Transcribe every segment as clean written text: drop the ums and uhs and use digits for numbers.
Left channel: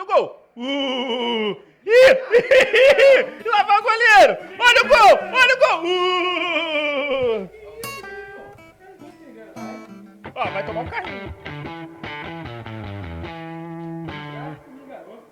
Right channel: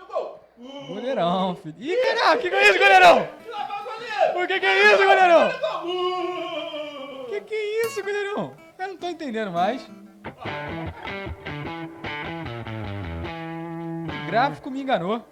E o gol? Não, filho. Ih, que é isso, goleirão? E lá vai o goleiro. Por que Olha é o isso, gol, goleirão? olha o gol. Que isso, goleirão? Eu não tô entendendo mais. Ó, vai tomar um carrinho. O gráfico me enganou.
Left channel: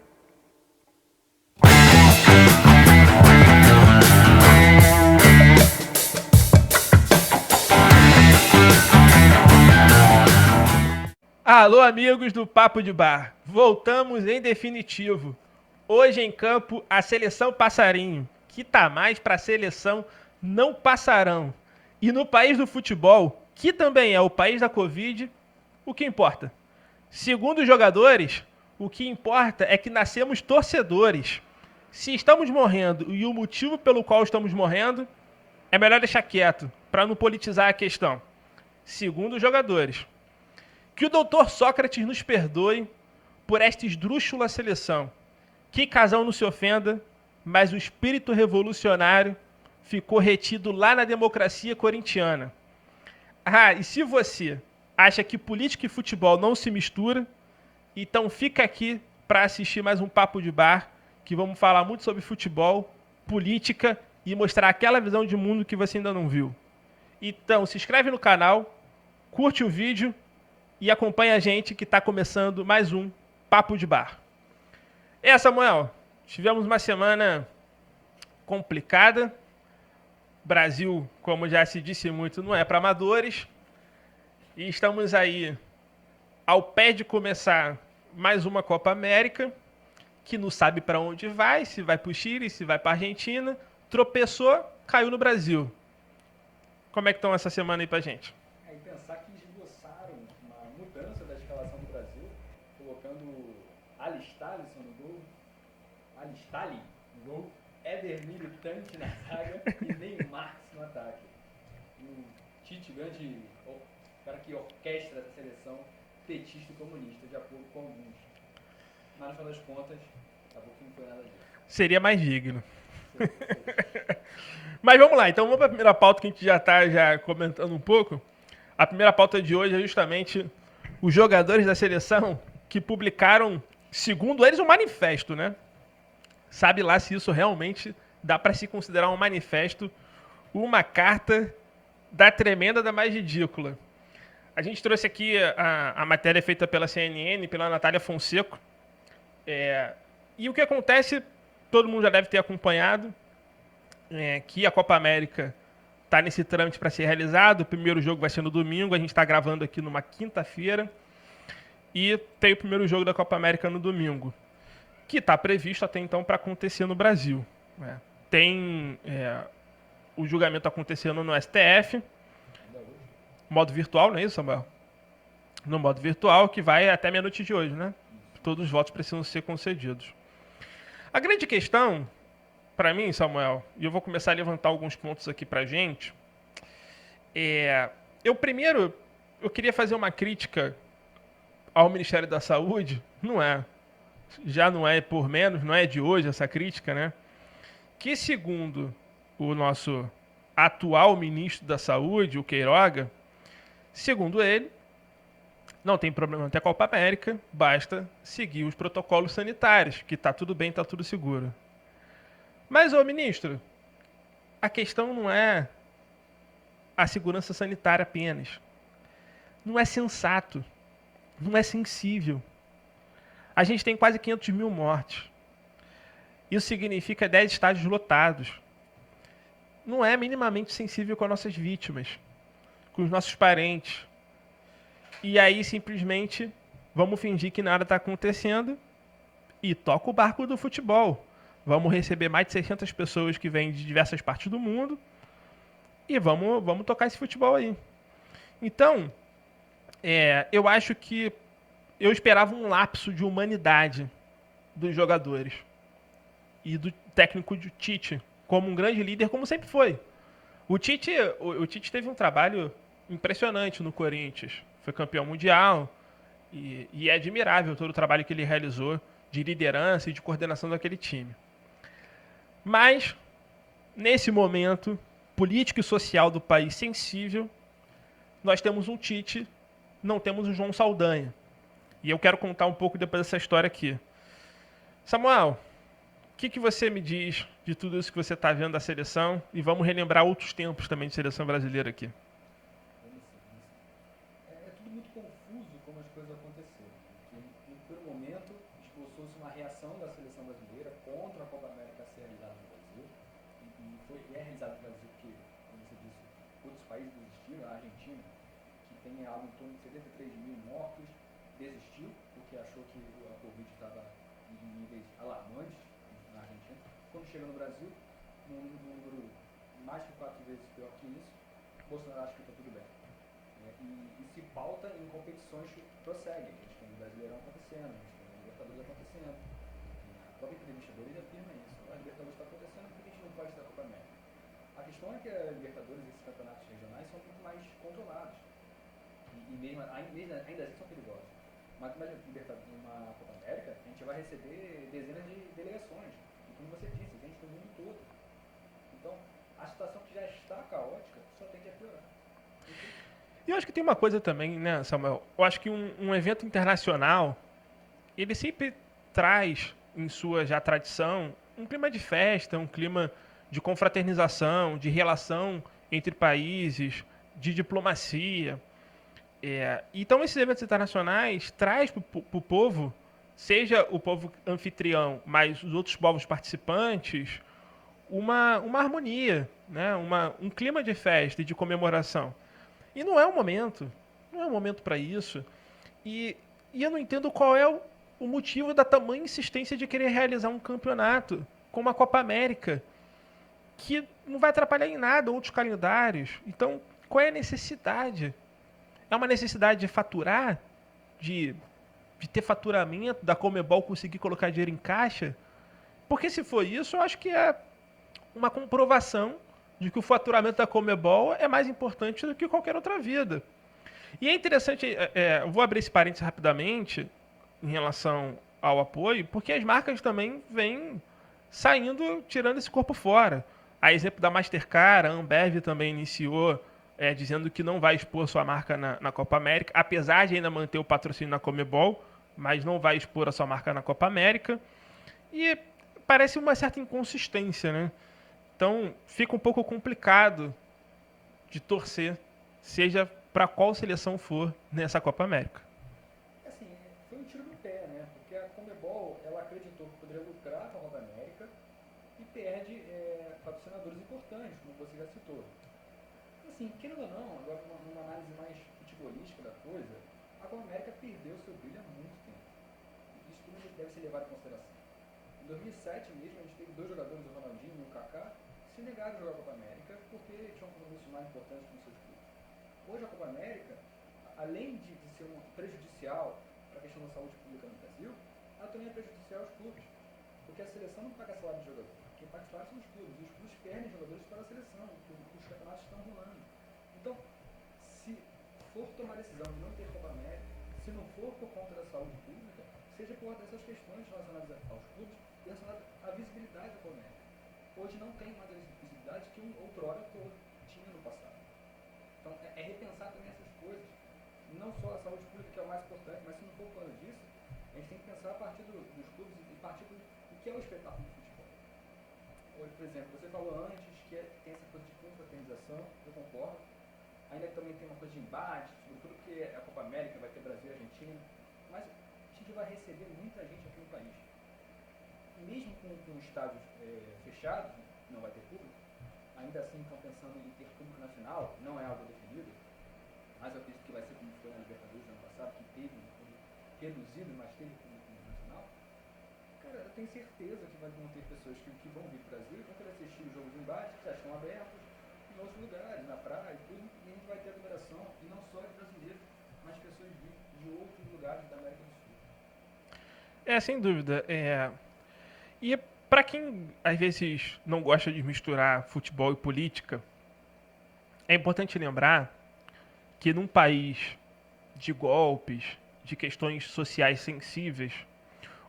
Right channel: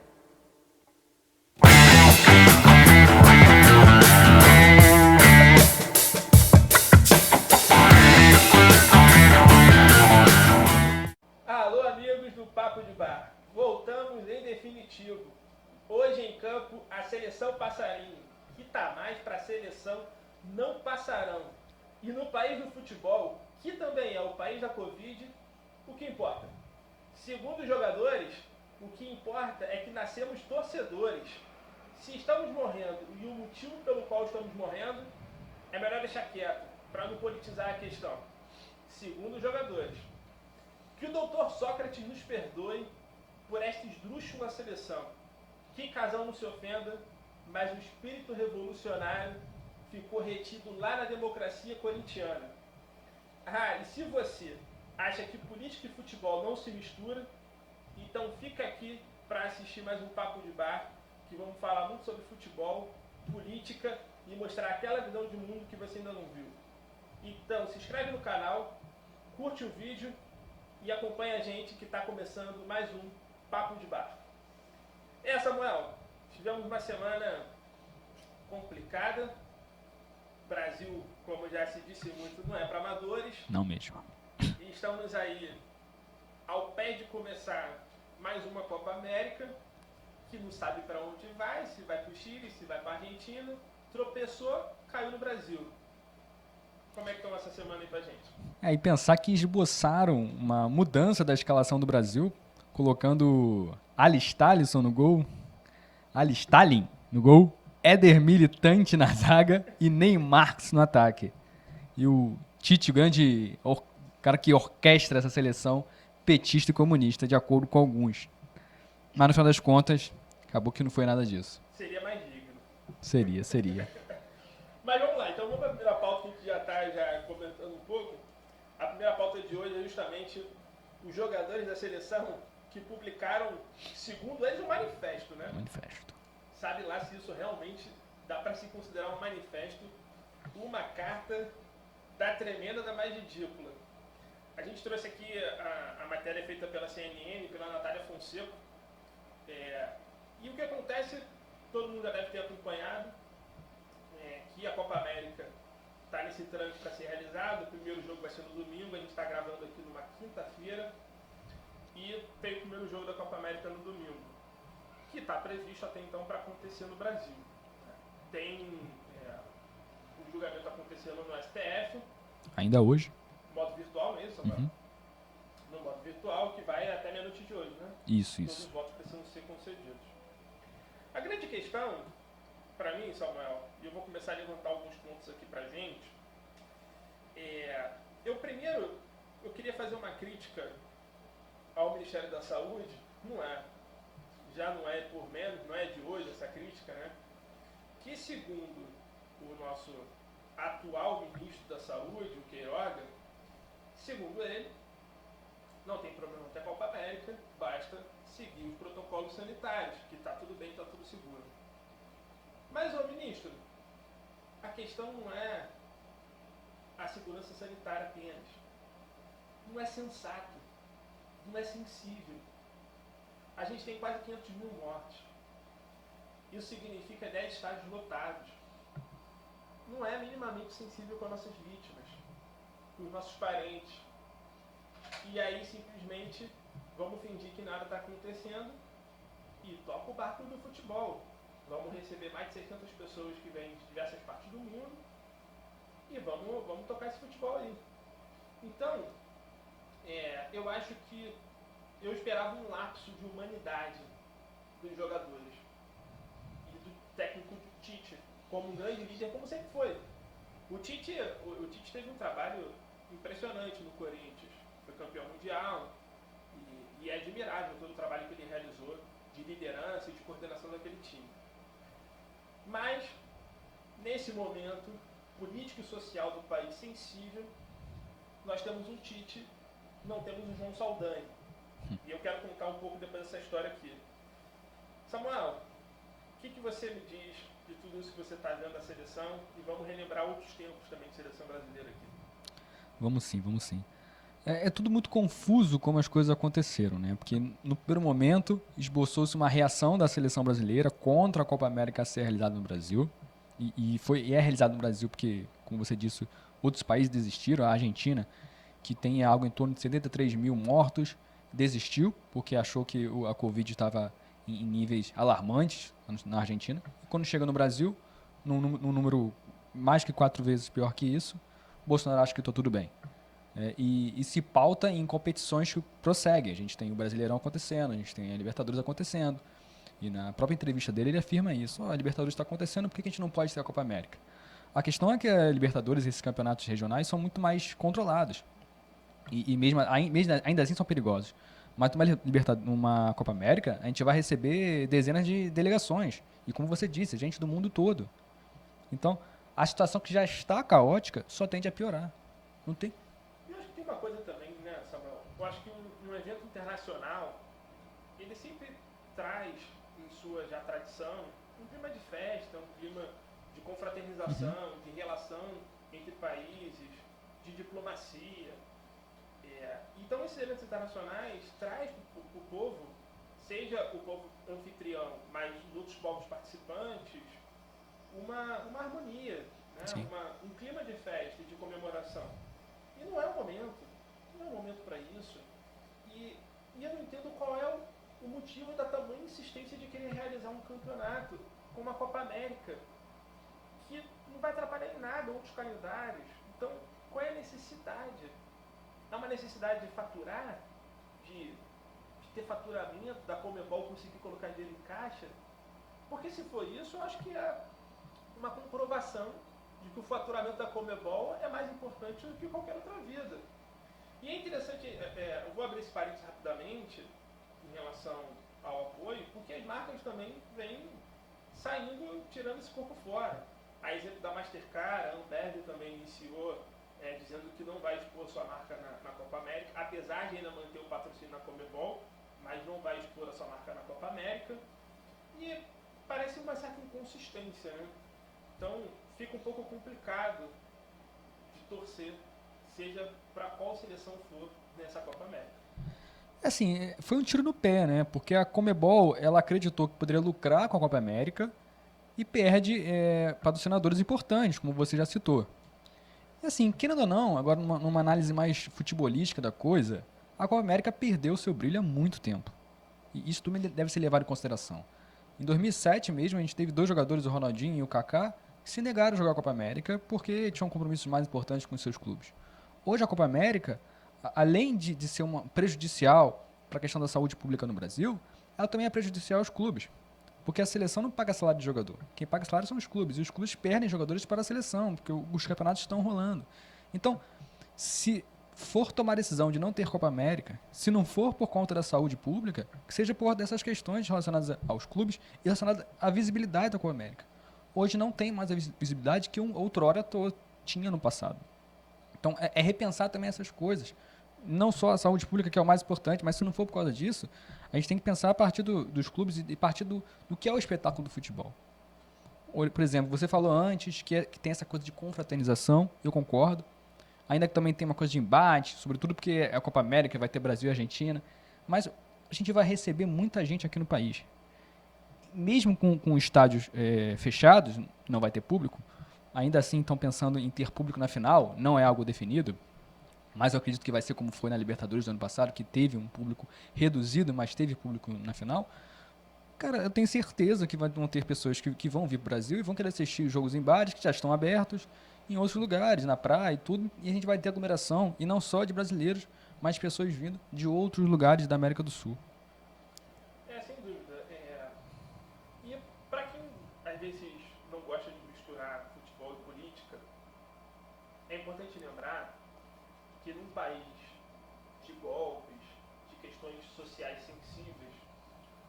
Alô, amigos do Papo de Bar. Voltamos em definitivo. Hoje em campo, a seleção passarinho, que tá mais pra seleção não passarão. E no país do futebol, que também é o país da Covid, o que importa? Segundo os jogadores, o que importa é que nascemos torcedores. Se estamos morrendo e o motivo pelo qual estamos morrendo, é melhor deixar quieto, para não politizar a questão. Segundo os jogadores. Que o doutor Sócrates nos perdoe por esta esdrúxula seleção. Que Casão não se ofenda, mas o espírito revolucionário ficou retido lá na democracia corintiana. Ah, e se você acha que política e futebol não se mistura, então fica aqui para assistir mais um Papo de Bar, que vamos falar muito sobre futebol, política e mostrar aquela visão de mundo que você ainda não viu. Então, se inscreve no canal, curte o vídeo e acompanha a gente que está começando mais um Papo de Bar. Samuel, tivemos uma semana complicada. Brasil, como já se disse muito, não é para amadores. Não mesmo. E estamos aí ao pé de começar mais uma Copa América, que não sabe para onde vai, se vai para o Chile, se vai para a Argentina. Tropeçou, caiu no Brasil. Como é que estão essa semana aí pra gente? E pensar que esboçaram uma mudança da escalação do Brasil, colocando Alisson no gol, Alistalin no gol, Éder Militante na zaga e Neymar no ataque. E o Tite, o grande cara que orquestra essa seleção petista e comunista, de acordo com alguns. Mas no final das contas, acabou que não foi nada disso. Seria mais digno. Seria. Mas vamos lá, então vamos para a primeira pauta que a gente já está comentando um pouco. A primeira pauta de hoje é justamente os jogadores da seleção que publicaram, segundo eles, um manifesto, né? Sabe lá se isso realmente dá para se considerar um manifesto, uma carta da tremenda da mais ridícula. A gente trouxe aqui a matéria feita pela CNN, pela Natália Fonseca. E o que acontece, todo mundo já deve ter acompanhado, que a Copa América está nesse trâmite para ser realizado. O primeiro jogo vai ser no domingo, a gente está gravando aqui numa quinta-feira. E tem o primeiro jogo da Copa América no domingo, que está previsto até então para acontecer no Brasil. Tem o julgamento acontecendo no STF. Ainda hoje. Modo virtual, não é isso, Samuel? Uhum. No modo virtual, que vai até meia-noite de hoje, né? Isso. Todos os votos precisam ser concedidos. A grande questão, para mim, Samuel, e eu vou começar a levantar alguns pontos aqui pra gente, eu queria fazer uma crítica ao Ministério da Saúde, já não é por menos, não é de hoje essa crítica, né? Que segundo o nosso atual ministro da Saúde, o Queiroga, segundo ele, não tem problema até a Copa América, basta seguir os protocolos sanitários, que tá tudo bem, tá tudo seguro. Mas, ô ministro, a questão não é a segurança sanitária apenas. Não é sensato. Não é sensível. A gente tem quase 500 mil mortes. Isso significa 10 estádios lotados. Não é minimamente sensível com as nossas vítimas, com os nossos parentes. E aí, simplesmente, vamos fingir que nada está acontecendo e toca o barco do futebol. Vamos receber mais de 600 pessoas que vêm de diversas partes do mundo e vamos tocar esse futebol aí. Então, eu acho que eu esperava um lapso de humanidade dos jogadores e do técnico de Tite, como um grande líder, como sempre foi. O Tite teve um trabalho impressionante no Corinthians. Foi campeão mundial e é admirável todo o trabalho que ele realizou de liderança e de coordenação daquele time. Mas, nesse momento político e social do país sensível, nós temos um Tite, não temos um João Saldanha. E eu quero contar um pouco depois dessa história aqui. Samuel, o que você me diz de tudo isso que você está vendo da seleção? E vamos relembrar outros tempos também de seleção brasileira aqui. Vamos sim, vamos sim. É tudo muito confuso como as coisas aconteceram, né? Porque no primeiro momento esboçou-se uma reação da seleção brasileira contra a Copa América a ser realizada no Brasil. E é realizado no Brasil porque, como você disse, outros países desistiram. A Argentina, que tem algo em torno de 73 mil mortos, desistiu porque achou que a Covid estava em níveis alarmantes na Argentina. E quando chega no Brasil, num número mais que 4 vezes pior que isso, Bolsonaro acha que está tudo bem. E se pauta em competições que prosseguem. A gente tem o Brasileirão acontecendo, a gente tem a Libertadores acontecendo. E na própria entrevista dele ele afirma isso. A Libertadores está acontecendo, por que a gente não pode ter a Copa América? A questão é que a Libertadores e esses campeonatos regionais são muito mais controlados. E mesmo, ainda assim são perigosos. Mas numa Copa América, a gente vai receber dezenas de delegações. E como você disse, gente do mundo todo. Então, a situação que já está caótica só tende a piorar. Não tem... E eu acho que tem uma coisa também, né, Samuel? Eu acho que um evento internacional, ele sempre traz em sua já tradição um clima de festa, um clima de confraternização, de relação entre países, de diplomacia. Então esses eventos internacionais traz para o povo, seja o povo anfitrião, mas os outros povos participantes, uma harmonia, né? Sim. Um clima de festa e de comemoração. E não é o momento, não é o momento para isso. E, e eu não entendo qual é o motivo da tamanha insistência de querer realizar um campeonato como a Copa América, que não vai atrapalhar em nada outros calendários. Então, qual é a necessidade? É uma necessidade de faturar? De, de ter faturamento, da Comebol conseguir colocar dinheiro em caixa? Porque se for isso, eu acho que é uma comprovação de que o faturamento da Comebol é mais importante do que qualquer outra vida. E é interessante, eu vou abrir esse parênteses rapidamente em relação ao apoio, porque as marcas também vêm saindo, tirando esse corpo fora. A exemplo da Mastercard, a Ambev também iniciou dizendo que não vai expor sua marca na Copa América, apesar de ainda manter o patrocínio na Comebol, mas não vai expor a sua marca na Copa América. E parece uma certa inconsistência, né? Então fica um pouco complicado de torcer, seja para qual seleção for nessa Copa América. Assim, foi um tiro no pé, né? Porque a Comebol, ela acreditou que poderia lucrar com a Copa América e perde patrocinadores importantes, como você já citou. E assim, querendo ou não, agora numa análise mais futebolística da coisa, a Copa América perdeu seu brilho há muito tempo. E isso também deve ser levado em consideração. Em 2007 mesmo, a gente teve 2 jogadores, o Ronaldinho e o Kaká, que se negaram a jogar a Copa América porque tinham compromissos mais importantes com os seus clubes. Hoje a Copa América, além de ser uma prejudicial para a questão da saúde pública no Brasil, ela também é prejudicial aos clubes. Porque a seleção não paga salário de jogador. Quem paga salário são os clubes. E os clubes perdem jogadores para a seleção, porque os campeonatos estão rolando. Então, se for tomar a decisão de não ter Copa América, se não for por conta da saúde pública, que seja por dessas questões relacionadas aos clubes e relacionadas à visibilidade da Copa América. Hoje não tem mais a visibilidade que outrora tinha no passado. Então, é repensar também essas coisas. Não só a saúde pública, que é o mais importante, mas se não for por causa disso, a gente tem que pensar a partir dos clubes e a partir do que é o espetáculo do futebol. Por exemplo, você falou antes que tem essa coisa de confraternização, eu concordo. Ainda que também tem uma coisa de embate, sobretudo porque é a Copa América, vai ter Brasil e Argentina. Mas a gente vai receber muita gente aqui no país. Mesmo com estádios fechados, não vai ter público, ainda assim estão pensando em ter público na final, não é algo definido. Mas eu acredito que vai ser como foi na Libertadores do ano passado, que teve um público reduzido, mas teve público na final. Cara, eu tenho certeza que vão ter pessoas que vão vir para o Brasil e vão querer assistir os jogos em bares que já estão abertos, em outros lugares, na praia e tudo. E a gente vai ter aglomeração, e não só de brasileiros, mas de pessoas vindo de outros lugares da América do Sul. Sem dúvida. E para quem às vezes não gosta de misturar futebol e política, é importante lembrar que num país de golpes, de questões sociais sensíveis,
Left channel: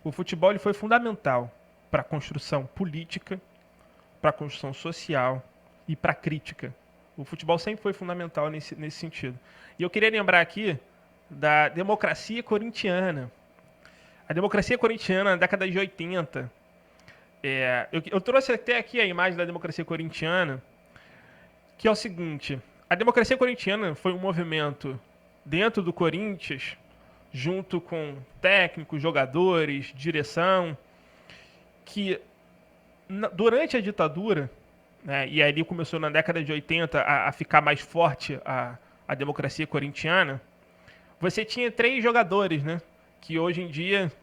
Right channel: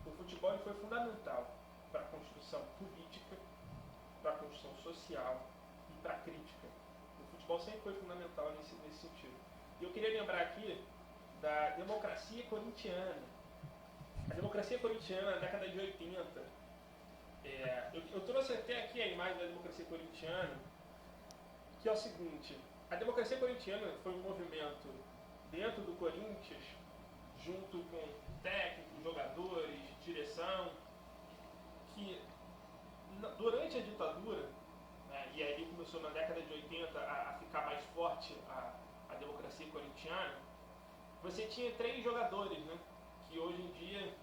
o futebol ele foi fundamental para a construção política, para a construção social e para a crítica. O futebol sempre foi fundamental nesse sentido. E eu queria lembrar aqui da democracia corintiana. A democracia corintiana na década de 80. Eu trouxe até aqui a imagem da democracia corintiana, que é o seguinte: a democracia corintiana foi um movimento dentro do Corinthians, junto com técnicos, jogadores, direção, que durante a ditadura, né, e ali começou na década de 80 a ficar mais forte a democracia corintiana, você tinha 3 jogadores, né, que hoje em dia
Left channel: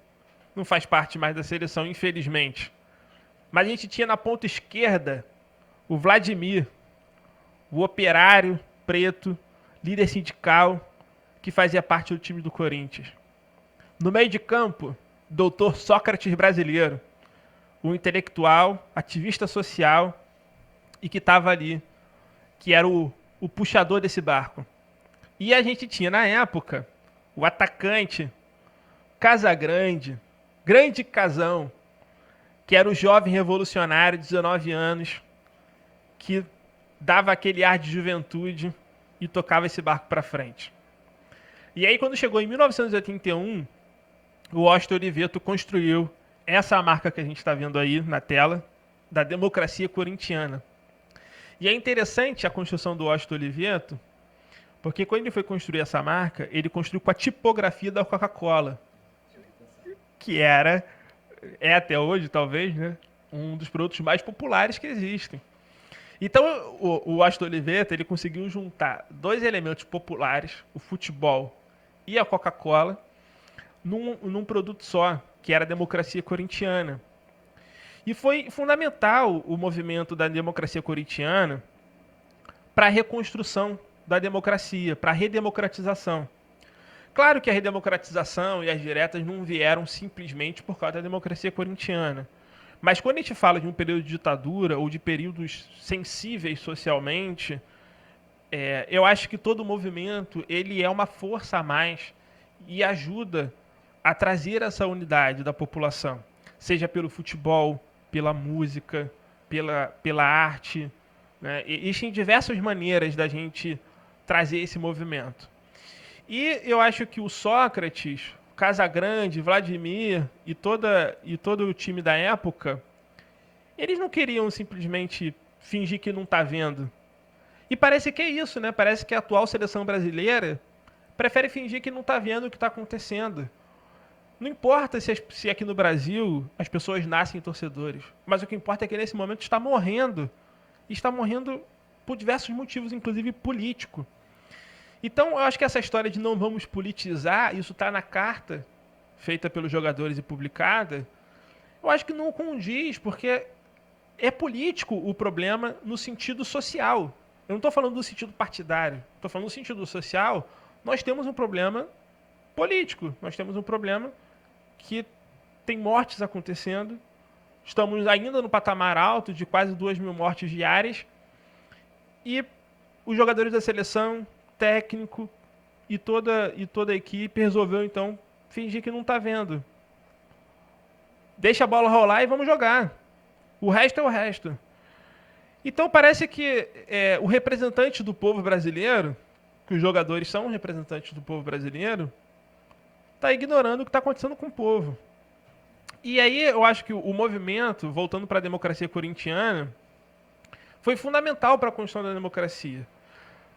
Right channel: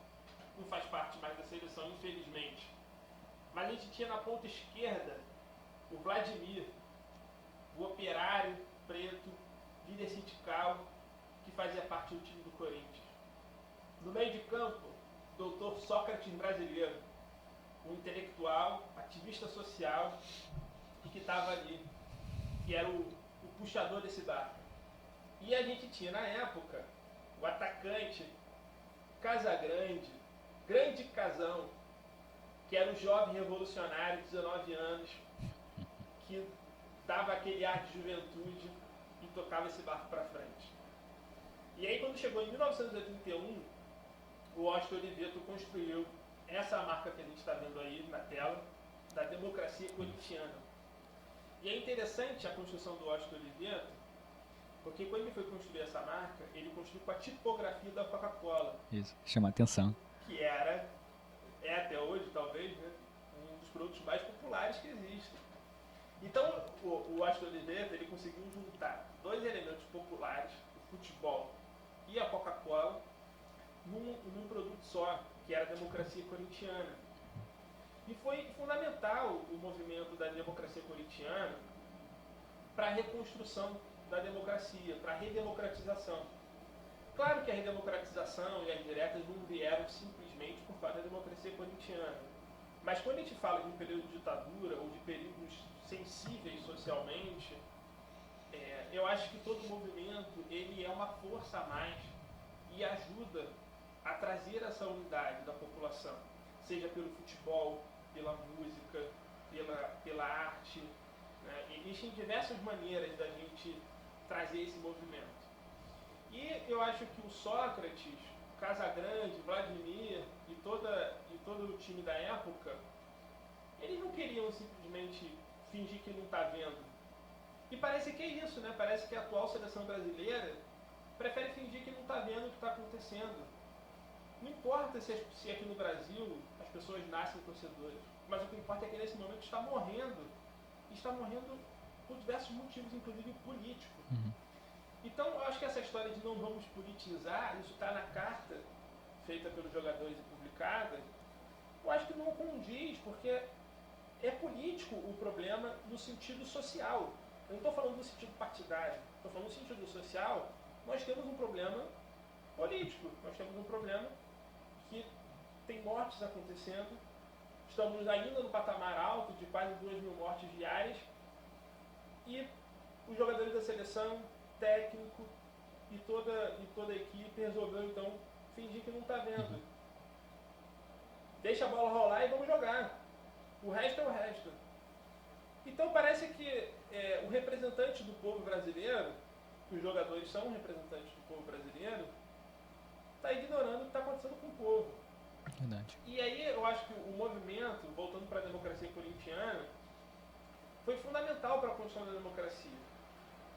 não faz parte mais da seleção, infelizmente. Mas a gente tinha na ponta esquerda o Vladimir, o operário preto, líder sindical, que fazia parte do time do Corinthians. No meio de campo, doutor Sócrates brasileiro, o intelectual, ativista social e que estava ali, que era o puxador desse barco. E a gente tinha, na época, o atacante Casagrande, grande Casão, que era o jovem revolucionário de 19 anos, que dava aquele ar de juventude e tocava esse barco para frente. E aí, quando chegou em 1981, o Washington Oliveto construiu essa marca que a gente está vendo aí na tela, da democracia corintiana. E é interessante a construção do Washington Oliveto, porque quando ele foi construir essa marca, ele construiu com a tipografia da Coca-Cola. Isso, chama atenção. Que é até hoje, talvez, né, um dos produtos mais populares que existem. Então, o Washington Oliveto, ele conseguiu juntar 2 elementos populares, o futebol e a Coca-Cola, num produto só, que era a democracia corintiana. E foi fundamental o movimento da democracia corintiana para a reconstrução da democracia, para a redemocratização. Claro que a redemocratização e as diretas não vieram simplesmente por causa da democracia corintiana. Mas quando a gente fala de um período de ditadura ou de períodos sensíveis socialmente, eu acho que todo movimento ele é uma força a mais e ajuda a trazer essa unidade da população, seja pelo futebol, pela música, pela arte, né? Existem diversas maneiras da gente trazer esse movimento. E eu acho que o Sócrates, Casagrande, Vladimir e todo o time da época, eles não queriam simplesmente fingir que não está vendo. E parece que é isso, né? Parece que a atual seleção brasileira prefere fingir que não está vendo o que está acontecendo. Não importa se aqui no Brasil as pessoas nascem torcedores, mas o que importa é que nesse momento está morrendo. E está morrendo por diversos motivos, inclusive político. Então, eu acho que essa história de não vamos politizar, isso está na carta feita pelos jogadores e publicada, eu acho que não condiz, porque é político o problema no sentido social. Eu não estou falando no sentido partidário, estou falando no sentido social. Nós temos um problema político, nós temos um problema que tem mortes acontecendo, estamos ainda no patamar alto de quase 2.000 mortes diárias, e os jogadores da seleção, técnico e toda a equipe resolveu então fingir que não está vendo. Deixa a bola rolar e vamos jogar. O resto é o resto. Então parece que o representante do povo brasileiro, que os jogadores são representantes do povo brasileiro, está ignorando o que está acontecendo com o povo. Verdade. E aí eu acho que o movimento, voltando para a democracia corintiana, foi fundamental para a construção da democracia.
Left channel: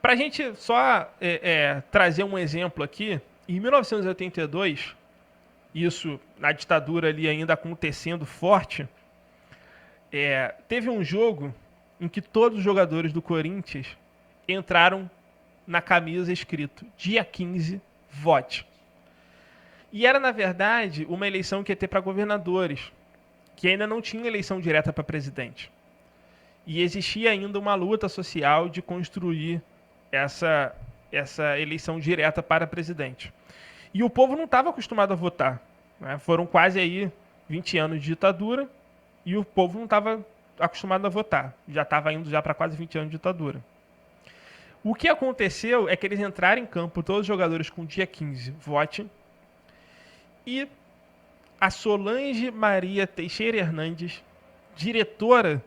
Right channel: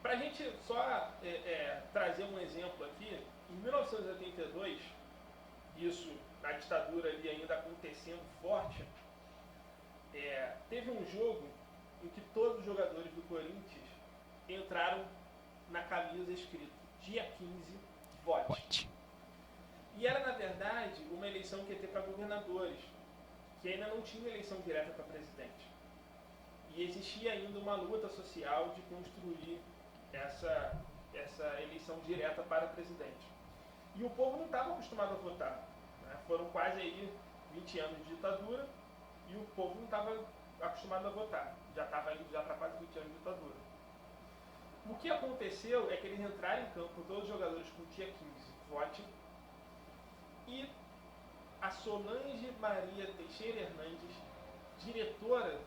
Para a gente só trazer um exemplo aqui, em 1982, isso na ditadura ali ainda acontecendo forte, teve um jogo em que todos os jogadores do Corinthians entraram na camisa escrito dia 15, vote. E era, na verdade, uma eleição que ia ter para governadores, que ainda não tinha eleição direta para presidente. E existia ainda uma luta social de construir essa eleição direta para presidente. E o povo não estava acostumado a votar, né? Foram quase aí 20 anos de ditadura e o povo não estava acostumado a votar. Já estava indo já para quase 20 anos de ditadura. O que aconteceu é que eles entraram em campo, todos os jogadores com dia 15, vote. E a Solange Maria Teixeira Hernandes, diretora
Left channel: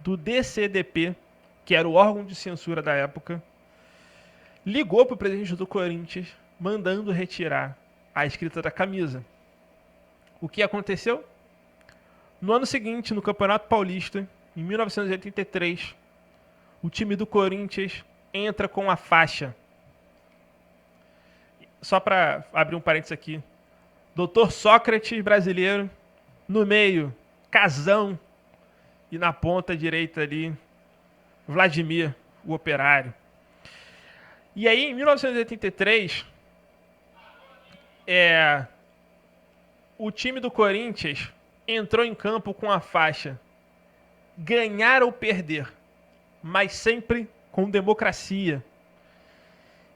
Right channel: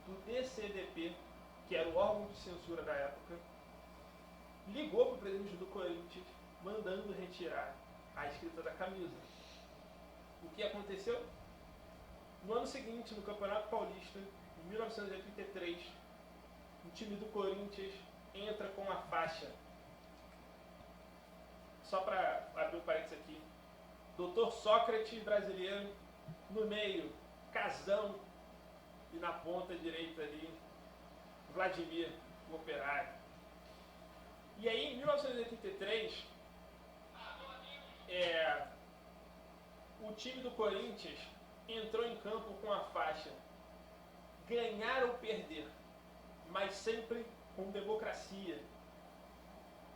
do DCDP, que era o órgão de censura da época, ligou para o presidente do Corinthians, mandando retirar a escrita da camisa. O que aconteceu? No ano seguinte, no Campeonato Paulista, em 1983, o time do Corinthians entra com a faixa. Só para abrir um parênteses aqui. Doutor Sócrates brasileiro, no meio, Casão, e na ponta direita ali, Vladimir, o operário. E aí, em 1983, o time do Corinthians entrou em campo com a faixa ganhar ou perder, mas sempre com democracia.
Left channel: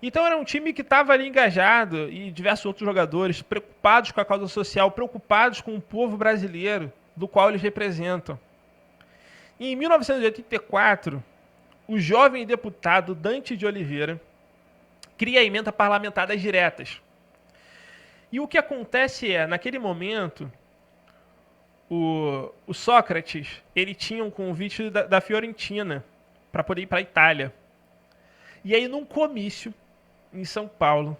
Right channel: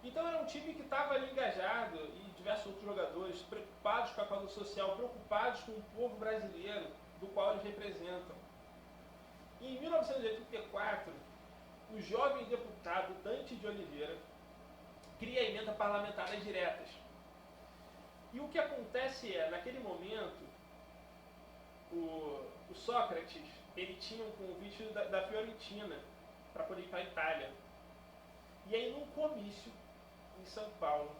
Então era um time que estava ali engajado e diversos outros jogadores preocupados com a causa social, preocupados com o povo brasileiro, do qual eles representam. E em 1984, o jovem deputado Dante de Oliveira cria a emenda parlamentar das diretas. E o que acontece é, naquele momento, o Sócrates ele tinha um convite da Fiorentina para poder ir para a Itália. E aí, num comício em São Paulo,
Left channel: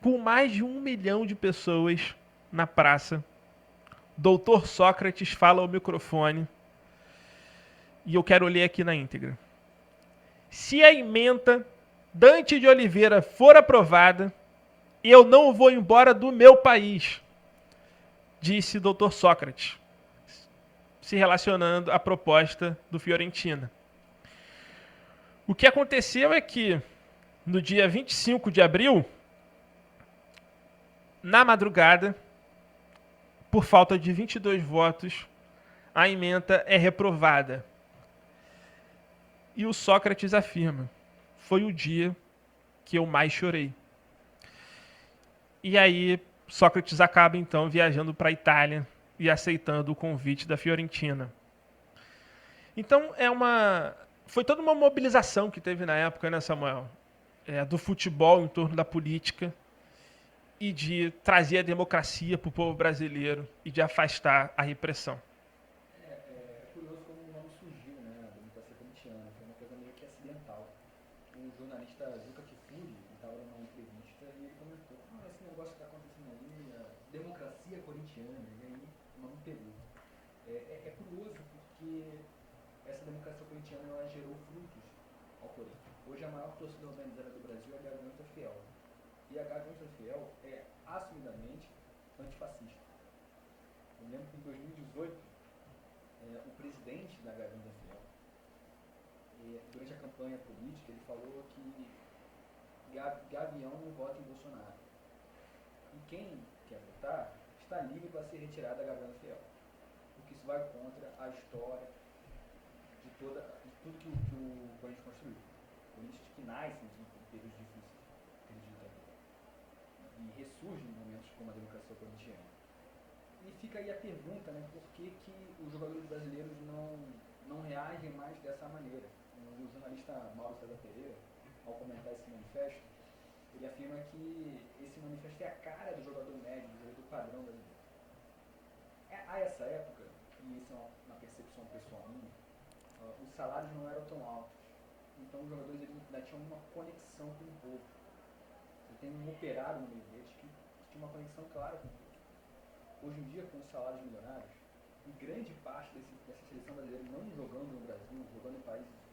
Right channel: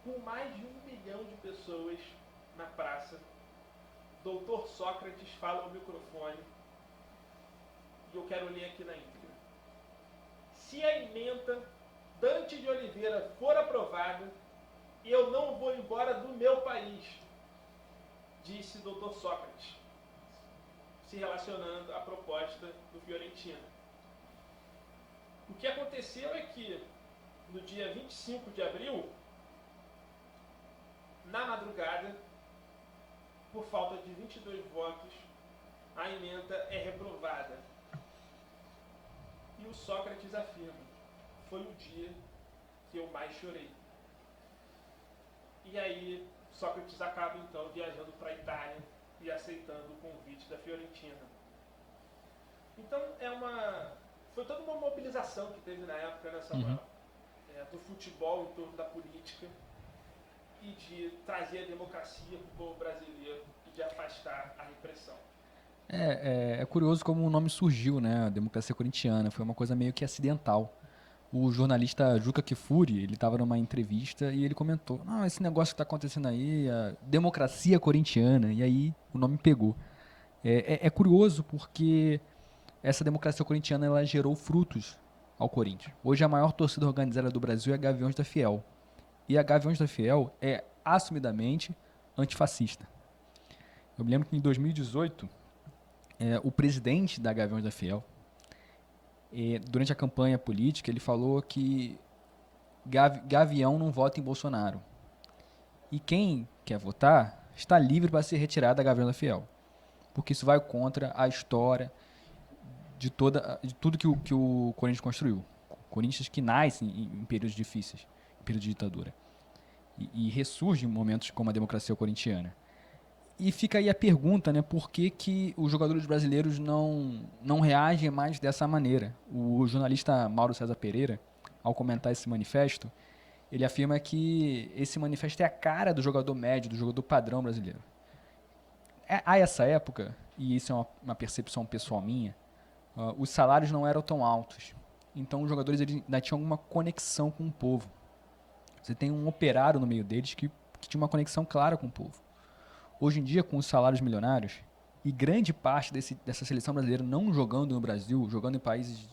com mais de 1 milhão de pessoas na praça, Doutor Sócrates fala ao microfone, e eu quero ler aqui na íntegra. Se a emenda Dante de Oliveira for aprovada, eu não vou embora do meu país, disse Dr. Sócrates, se relacionando à proposta do Fiorentina. O que aconteceu é que, no dia 25 de abril, na madrugada, por falta de 22 votos, a emenda é reprovada. E o Sócrates afirma: foi o dia que eu mais chorei. E aí, Sócrates acaba então viajando para a Itália e aceitando o convite da Fiorentina. Então, foi toda uma mobilização que teve na época, né, Samuel? Do futebol em torno da política e de trazer a democracia para o povo brasileiro e de afastar a repressão. É curioso como o nome surgiu, né? A democracia corintiana. Foi uma coisa meio que acidental. O jornalista Juca Kfouri, ele estava numa entrevista e ele comentou: "Não, esse negócio que está acontecendo aí, a democracia corintiana", e aí o nome pegou. É curioso porque essa democracia corintiana ela gerou frutos ao Corinthians. Hoje a maior torcida organizada do Brasil é a Gaviões da Fiel. E a Gaviões da Fiel é assumidamente antifascista. Eu me lembro que em 2018, o presidente da Gaviões da Fiel, durante a campanha política, ele falou que Gavião não vota em Bolsonaro. E quem quer votar está livre para se retirar da Gavião da Fiel. Porque isso vai contra a história de tudo que o Corinthians construiu. Corinthians que nasce em períodos difíceis, em período de ditadura. E ressurge em momentos como a democracia corintiana. E fica aí a pergunta, né, por que os jogadores brasileiros não reagem mais dessa maneira? O jornalista Mauro César Pereira, ao comentar esse manifesto, ele afirma que esse manifesto é a cara do jogador médio, do jogador padrão brasileiro. A essa época, e isso é uma percepção pessoal minha, os salários não eram tão altos. Então os jogadores ainda tinham alguma conexão com o povo. Você tem um operário no meio deles que tinha uma conexão clara com o povo. Hoje em dia, com os salários milionários, e grande parte dessa seleção brasileira não jogando no Brasil, jogando em países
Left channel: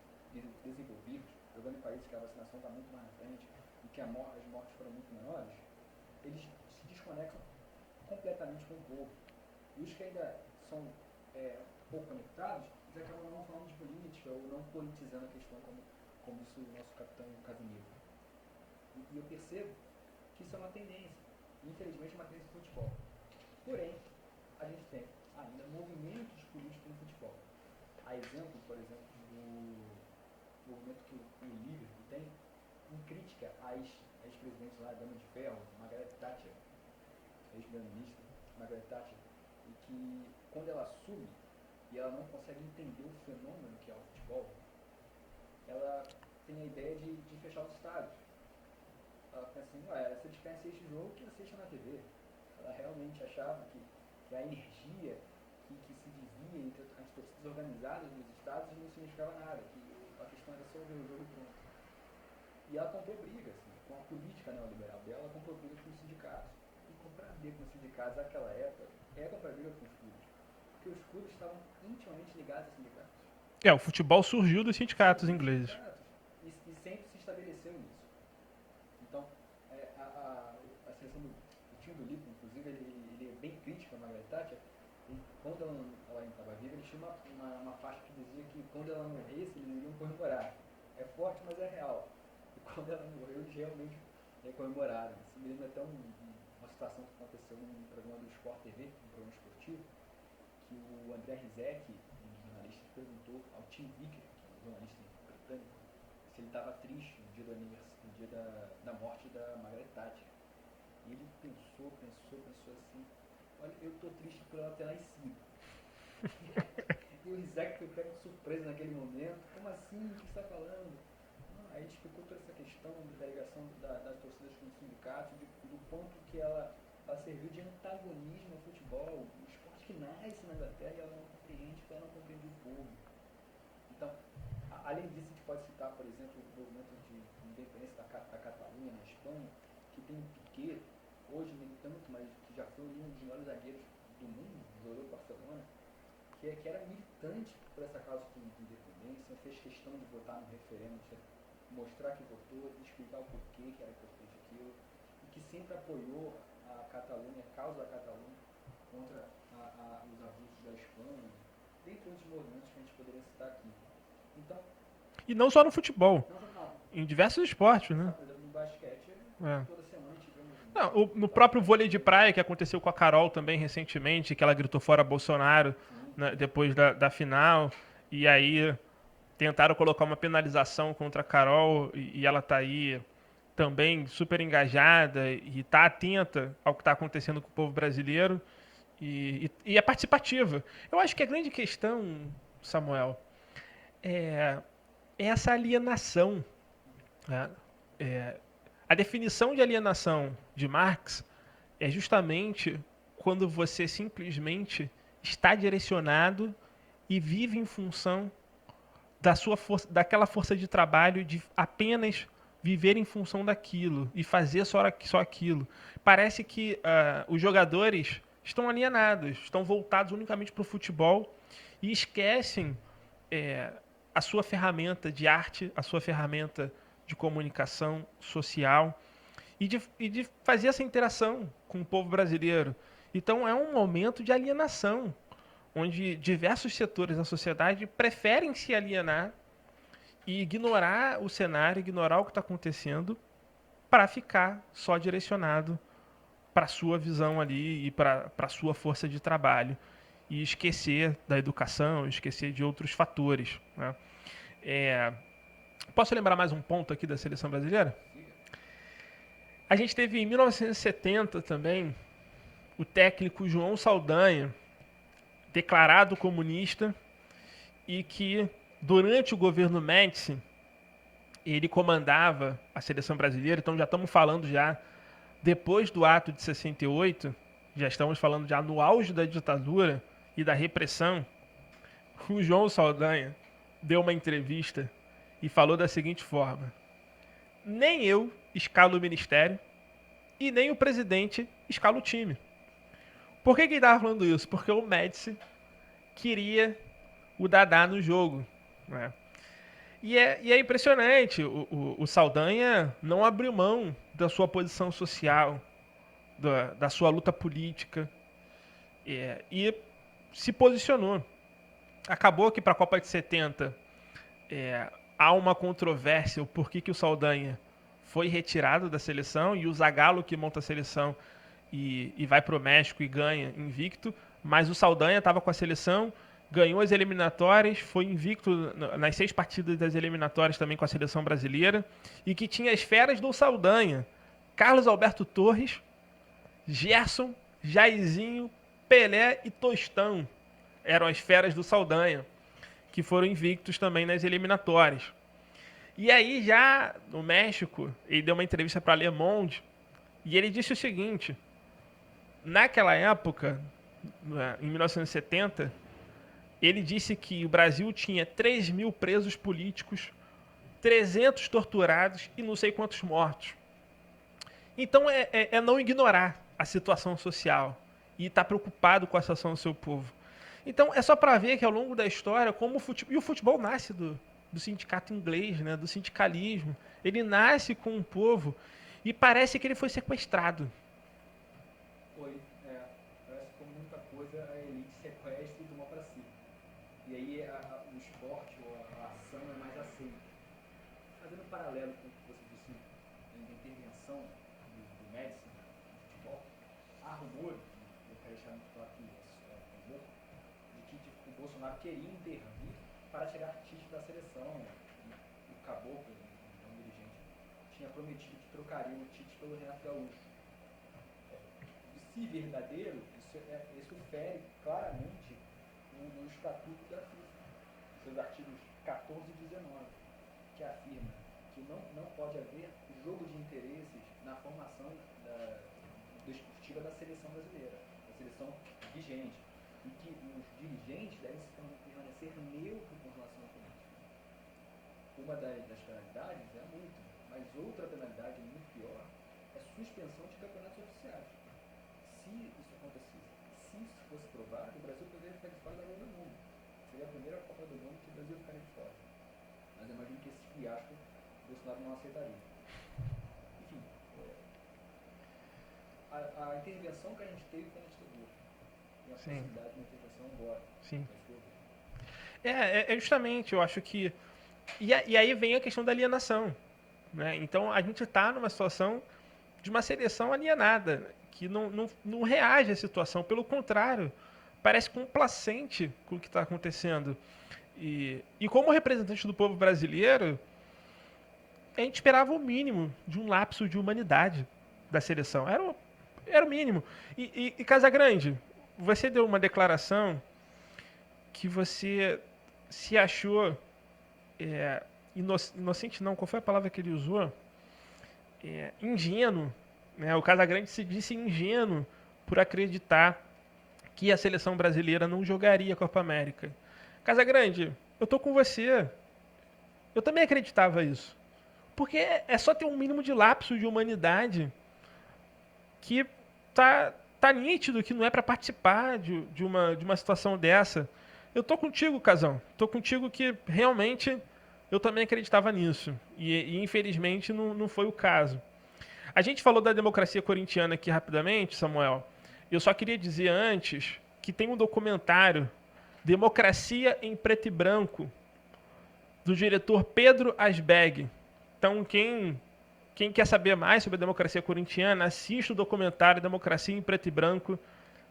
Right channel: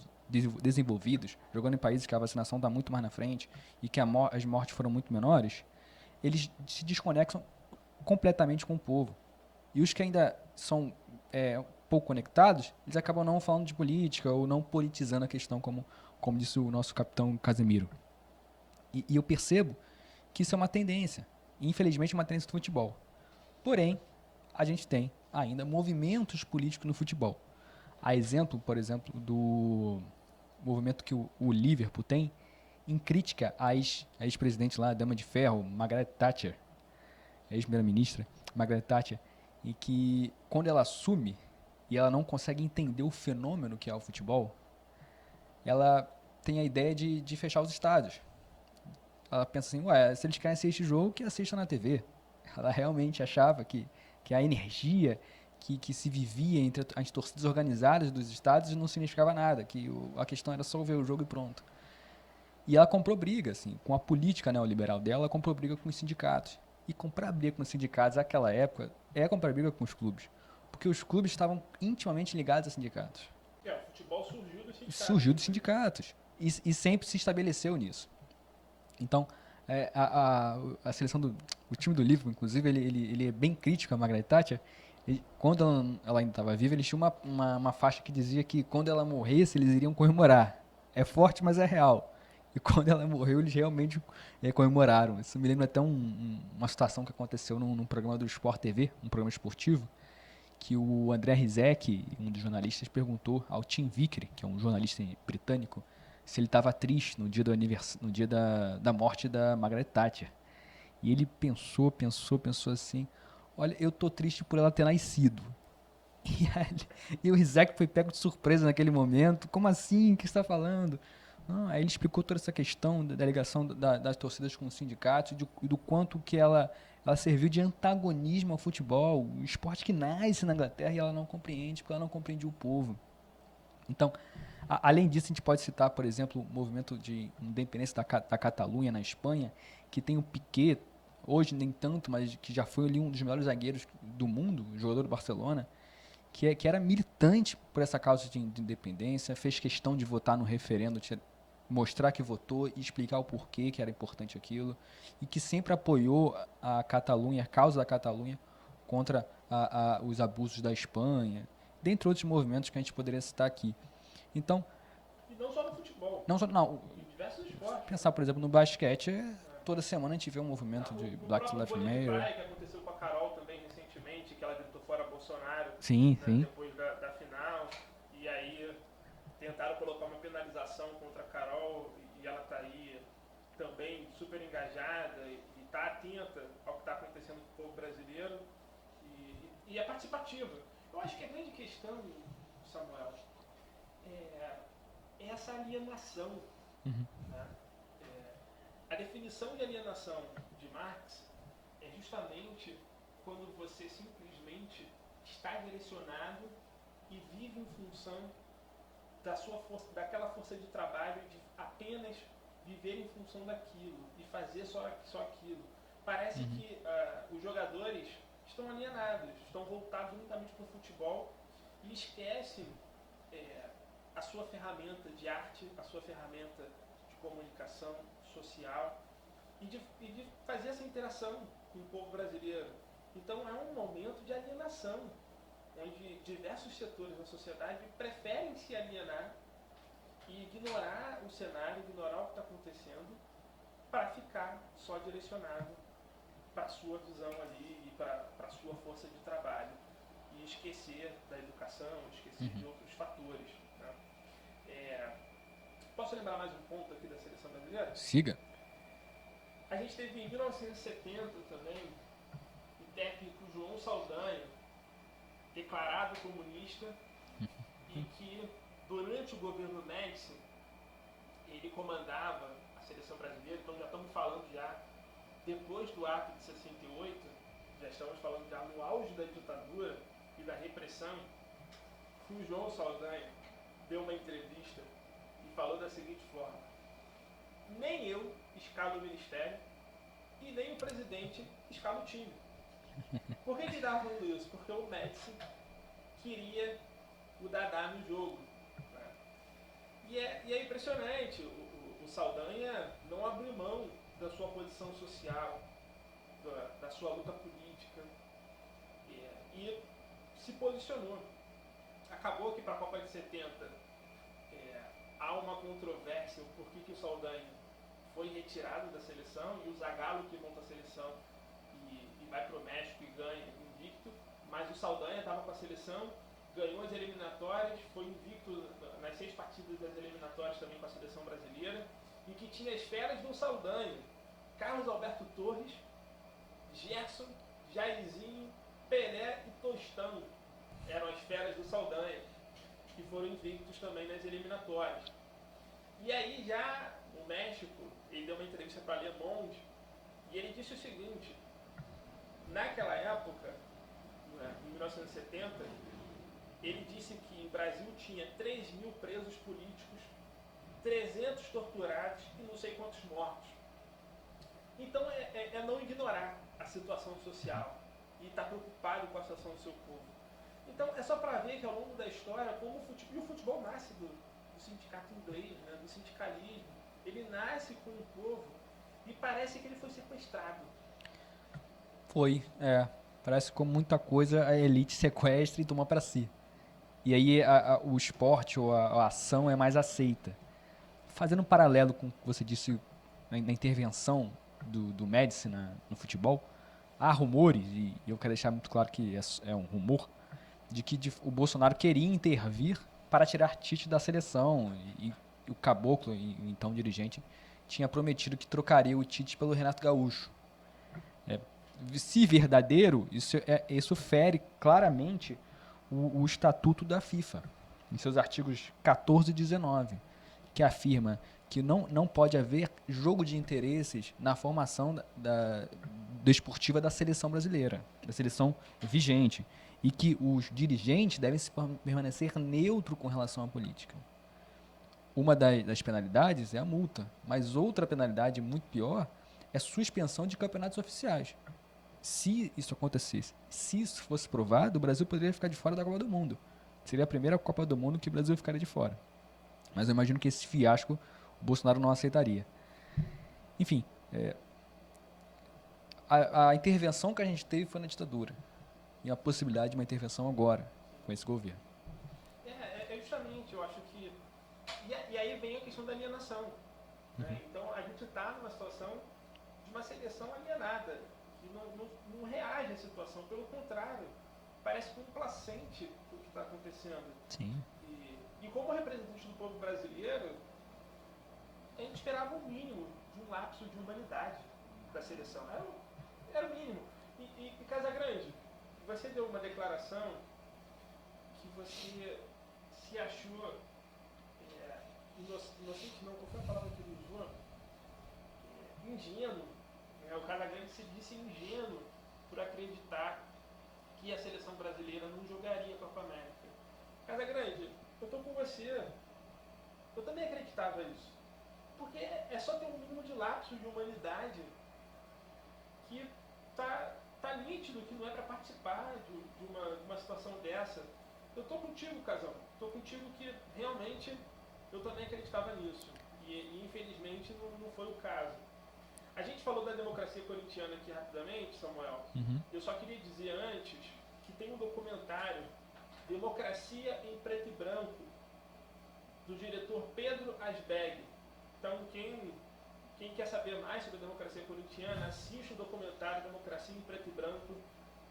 desenvolvidos, jogando em países que a vacinação está muito mais na frente e que as mortes foram muito menores, eles se desconectam completamente com o povo. E os que ainda são pouco conectados, eles acabam não falando de política ou não politizando a questão, como disse o nosso capitão Casemiro. E eu percebo que isso é uma tendência, e infelizmente uma tendência do futebol. Porém, a gente tem ainda movimentos políticos no futebol. A exemplo, por exemplo, do movimento que o Liverpool tem em crítica à ex-presidente lá, a Dama de Ferro, Margaret Thatcher, a ex-primeira-ministra, Margaret Thatcher, e que quando ela assume e ela não consegue entender o fenômeno que é o futebol, ela tem a ideia de fechar os estádios. Ela pensa assim, se eles querem assistir jogo, que assistam na TV. Ela realmente achava que a energia que se vivia entre as torcidas organizadas dos estádios não significava nada, que a questão era só ver o jogo e pronto. E ela comprou briga, assim, com a política neoliberal dela, ela comprou briga com os sindicatos. E comprar briga com os sindicatos naquela época é comprar briga com os clubes. Porque os clubes estavam intimamente ligados a sindicatos. O futebol surgiu dos sindicatos Surgiu dos ingleses. sindicatos. E sempre se estabeleceu nisso. Então, a seleção o time do Liverpool, inclusive, ele é bem crítico a Margaret Thatcher. Quando ela ainda estava viva, eles tinham uma faixa que dizia que quando ela morresse, eles iriam comemorar. É forte, mas é real. E quando ela morreu, eles realmente comemoraram. Isso me lembra até uma situação que aconteceu num programa do Sport TV, um programa esportivo, que o André Rizek, um dos jornalistas, perguntou ao Tim Vickery, que é um jornalista britânico, se ele estava triste no dia da morte da Margaret Thatcher. E ele pensou assim, olha, eu tô triste por ela ter nascido. E o Rizek foi pego de surpresa naquele momento. Como assim? O que você está falando? Aí ele explicou toda essa questão da ligação das torcidas com os sindicatos, do quanto que ela serviu de antagonismo ao futebol, o esporte que nasce na Inglaterra e ela não compreende, porque ela não compreende o povo. Então, além disso, a gente pode citar, por exemplo, o movimento de independência da Catalunha na Espanha, que tem o Piqué, hoje nem tanto, mas que já foi ali um dos melhores zagueiros do mundo, jogador do Barcelona, que era militante por essa causa de independência, fez questão de votar no referendo, mostrar que votou e explicar o porquê que era importante aquilo, e que sempre apoiou a Catalunha, a causa da Catalunha, contra os abusos da Espanha, dentre outros movimentos que a gente poderia citar aqui. Então, e não só no futebol. Não, em diversos esportes. Pensar, por exemplo, no basquete, toda semana a gente vê um movimento. No próprio vôlei de praia, que aconteceu com a Carol também recentemente, que ela gritou fora Bolsonaro sim. Depois da final. E aí tentaram colocar uma penalização contra a Carol e ela tá aí também super engajada e tá atenta ao que está acontecendo com o povo brasileiro e é participativa. Eu acho que a grande questão, Samuel, é essa alienação. Né? A definição de alienação de Marx é justamente quando você simplesmente está direcionado e vive em função daquela força de trabalho de apenas viver em função daquilo e fazer só aquilo. Parece que os jogadores estão alienados, estão voltados unicamente para o futebol e esquecem a sua ferramenta de arte, a sua ferramenta de comunicação social e de fazer essa interação com o povo brasileiro. Então é um momento de alienação, onde diversos setores da sociedade preferem se alienar e ignorar o cenário, ignorar o que está acontecendo, para ficar só direcionado para a sua visão ali e para a sua força de trabalho. E esquecer da educação, esquecer de outros fatores. Né? Posso lembrar mais um ponto aqui da seleção brasileira? Siga. A gente teve em 1970 também o técnico João Saldanha, declarado comunista, e que durante o governo Médici ele comandava a seleção brasileira. Então já estamos falando já depois do ato de 68, já estamos falando já no auge da ditadura e da repressão. O João Saldanha deu uma entrevista e falou da seguinte forma: nem eu escalo o ministério e nem o presidente escala o time. Por que ele estava falando isso? Porque o Médici queria o Dadá no jogo. Né? E é impressionante, o Saldanha não abriu mão da sua posição social, da sua luta política, e se posicionou. Acabou que para a Copa de 70 há uma controvérsia o porquê que o Saldanha foi retirado da seleção e o Zagallo, que monta a seleção e vai para o México e ganha invicto, mas o Saldanha estava com a seleção, ganhou as eliminatórias, foi invicto nas 6 partidas das eliminatórias também com a seleção brasileira, e que tinha as feras do Saldanha: Carlos Alberto Torres, Gerson, Jairzinho, Pelé e Tostão. Eram as feras do Saldanha, que foram invictos também nas eliminatórias. E aí já no México, ele deu uma entrevista para Le Monde e ele disse o seguinte: naquela época, em 1970, ele disse que o Brasil tinha 3 mil presos políticos, 300 torturados e não sei quantos mortos. Então é não ignorar. a situação social e está preocupado com a situação do seu povo. Então é só para ver que ao longo da história, como o futebol nasce do sindicato inglês, né, do sindicalismo, ele nasce com um povo e parece que ele foi sequestrado. Foi, parece que com muita coisa a elite sequestra e toma para si. E aí o esporte ou a ação é mais aceita. Fazendo um paralelo com o que você disse na intervenção do Médici no futebol, há rumores, e eu quero deixar muito claro que é um rumor, de que o Bolsonaro queria intervir para tirar Tite da seleção. E o Caboclo, o então dirigente, tinha prometido que trocaria o Tite pelo Renato Gaúcho. Se verdadeiro, isso fere claramente o estatuto da FIFA, em seus artigos 14 e 19, que afirma que não pode haver jogo de interesses na formação desportiva da seleção brasileira, da seleção vigente, e que os dirigentes devem permanecer neutro com relação à política. Uma das penalidades é a multa, mas outra penalidade muito pior é suspensão de campeonatos oficiais. Se isso acontecesse, se isso fosse provado, o Brasil poderia ficar de fora da Copa do Mundo. Seria a primeira Copa do Mundo que o Brasil ficaria de fora. Mas eu imagino que esse fiasco o Bolsonaro não aceitaria. Enfim, a intervenção que a gente teve foi na ditadura. E a possibilidade de uma intervenção agora, com esse governo. É justamente, eu acho que... E aí vem a questão da alienação. Né? Então a gente está numa situação de uma seleção alienada, que não reage à situação, pelo contrário, parece complacente com o que está acontecendo. E como representante do povo brasileiro, a gente esperava o mínimo de um lapso de humanidade da seleção. Era o mínimo. E Casagrande, você deu uma declaração que você se achou inocente, não, qual foi a palavra que ele usou? Ingênuo. Né? O Casagrande se disse ingênuo por acreditar que a seleção brasileira não jogaria a Copa América. Casagrande, eu tô com você. Eu também acreditava isso. Porque é só ter um mínimo de lapso de humanidade que tá nítido que não é para participar de uma situação dessa. Eu tô contigo, Casão. Tô contigo que realmente eu também acreditava nisso. E infelizmente não foi o caso. A gente falou da democracia corintiana aqui rapidamente, Samuel. Eu só queria dizer antes que tem um documentário, Democracia em Preto e Branco, do diretor Pedro Asbeg. Então, quem quer saber mais sobre a democracia corintiana, assista o documentário Democracia em Preto e Branco,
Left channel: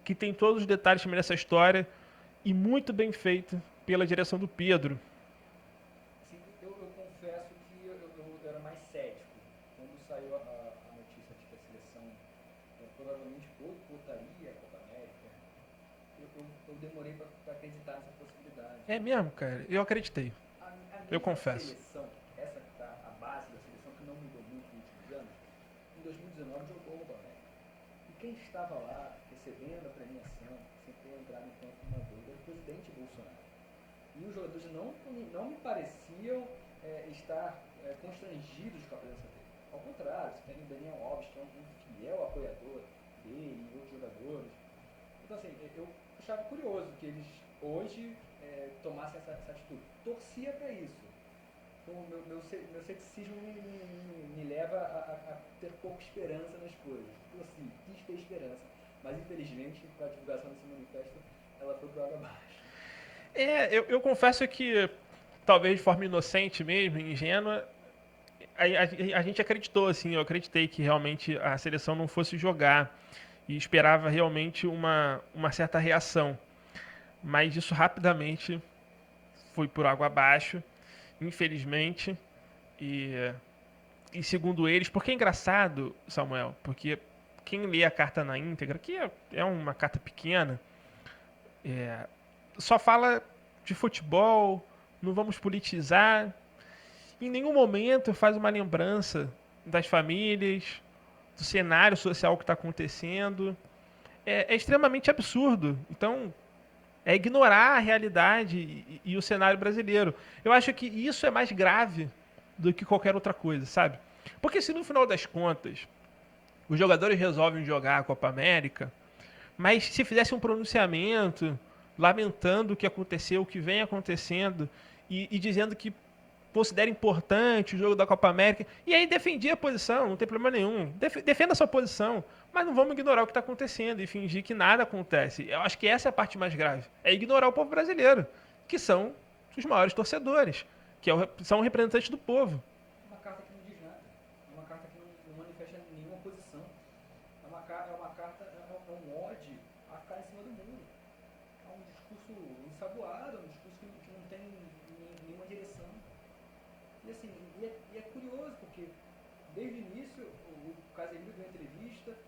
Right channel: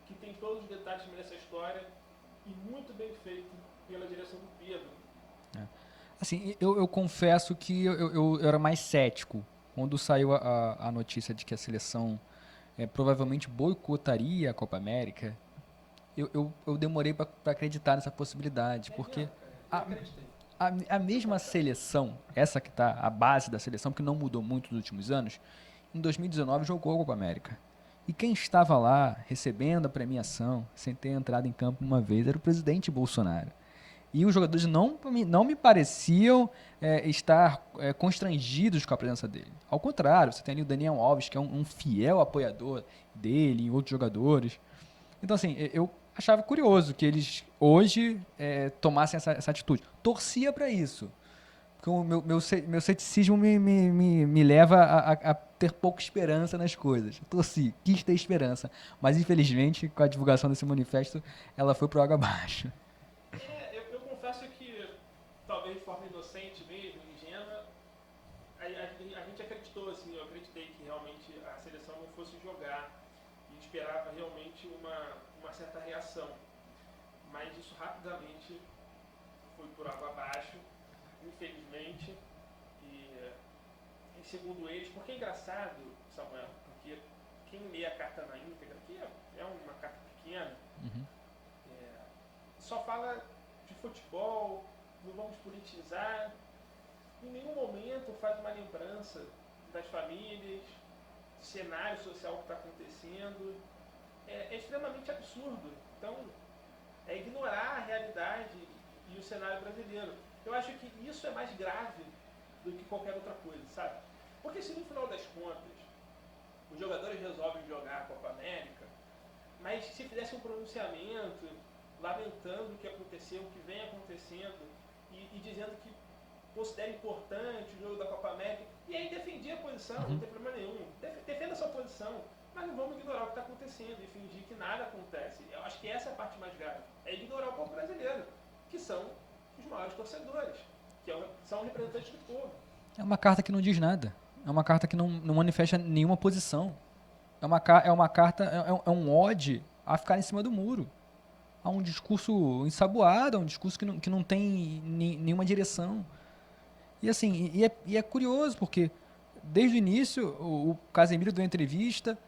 que tem todos os detalhes sobre essa história e muito bem feito pela direção do Pedro. Assim, eu confesso que eu era mais cético quando saiu a notícia de que a seleção provavelmente boicotaria a Copa América. Eu demorei para acreditar nessa possibilidade. Porque mesmo, cara? Eu acreditei. A mesma seleção, essa que está a base da seleção, que não mudou muito nos últimos anos, em 2019 jogou a Copa América. E quem estava lá recebendo a premiação, sem ter entrado em campo uma vez, era o presidente Bolsonaro. E os jogadores não me pareciam estar constrangidos com a presença dele. Ao contrário, você tem ali o Daniel Alves, que é um fiel apoiador dele e outros jogadores. Então, assim, eu achava curioso que eles hoje tomassem essa atitude. Torcia para isso. Porque o meu ceticismo me leva a ter pouca esperança nas coisas. Torci, quis ter esperança. Mas, infelizmente, com a divulgação desse manifesto, ela foi pro água abaixo. Eu confesso que, talvez de forma inocente mesmo, ingênua, a gente acreditou, assim, eu acreditei que realmente a seleção não fosse jogar e esperava realmente uma certa reação. Mas isso rapidamente foi por água abaixo, infelizmente, e segundo eles, porque é engraçado, Samuel, porque quem lê a carta na íntegra, que é uma carta pequena, só fala de futebol, não vamos politizar. Em nenhum momento faz uma lembrança das famílias, do cenário social que está acontecendo. É extremamente absurdo. Então, é ignorar a realidade e o cenário brasileiro. Eu acho que isso é mais grave do que qualquer outra coisa, sabe? Porque se no final das contas os jogadores resolvem jogar a Copa América, mas se fizesse um pronunciamento lamentando o que aconteceu, o que vem acontecendo e dizendo que considera importante o jogo da Copa América, e aí defendia a posição, não tem problema nenhum. Defenda a sua posição, mas não vamos ignorar o que está acontecendo e fingir que nada acontece. Eu acho que essa é a parte mais grave. É ignorar o povo brasileiro, que são os maiores torcedores, que são representantes do povo. É uma carta que não diz nada. É uma carta que não manifesta nenhuma posição. É uma carta, um ode a ficar em cima do muro. Há um discurso ensaboado, há um discurso que não tem nenhuma direção. E assim, é curioso, porque desde o início o Casemiro deu entrevista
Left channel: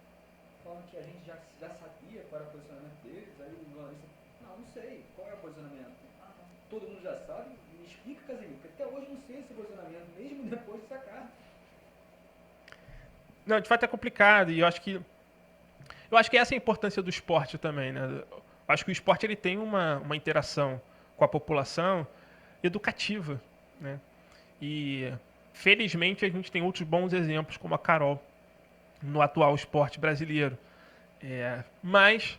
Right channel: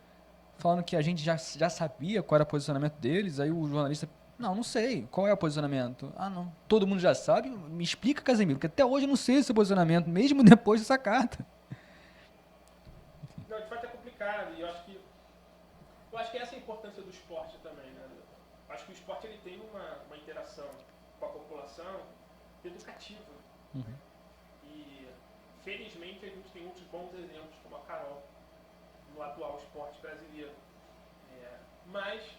falando que a gente já sabia qual era o posicionamento deles, aí o jornalista, não sei, qual é o posicionamento? Ah, não, todo mundo já sabe, me explica, Casemiro, porque até hoje eu não sei o seu posicionamento, mesmo depois dessa carta. Não, de fato é complicado, e eu acho que essa é a importância do esporte também, né? Eu acho que o esporte ele tem uma interação com a população educativa, né? E felizmente a gente tem outros bons exemplos, como a Carol, no atual esporte brasileiro. Mas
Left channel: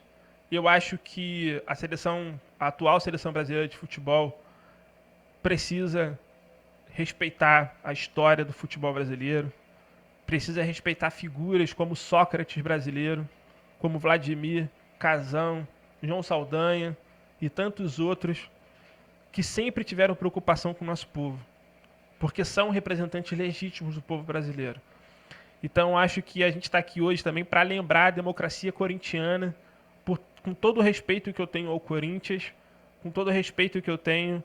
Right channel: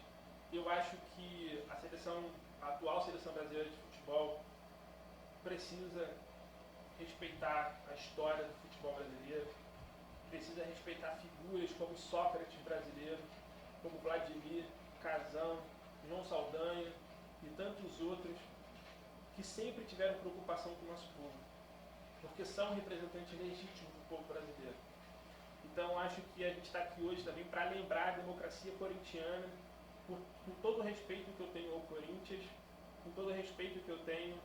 eu acho que a atual seleção brasileira de futebol precisa respeitar a história do futebol brasileiro, precisa respeitar figuras como Sócrates brasileiro, como Vladimir, Casão, João Saldanha e tantos outros que sempre tiveram preocupação com o nosso povo, porque são representantes legítimos do povo brasileiro. Então acho que a gente está aqui hoje também para lembrar a democracia corintiana, com todo o respeito que eu tenho ao Corinthians, com todo o respeito que eu tenho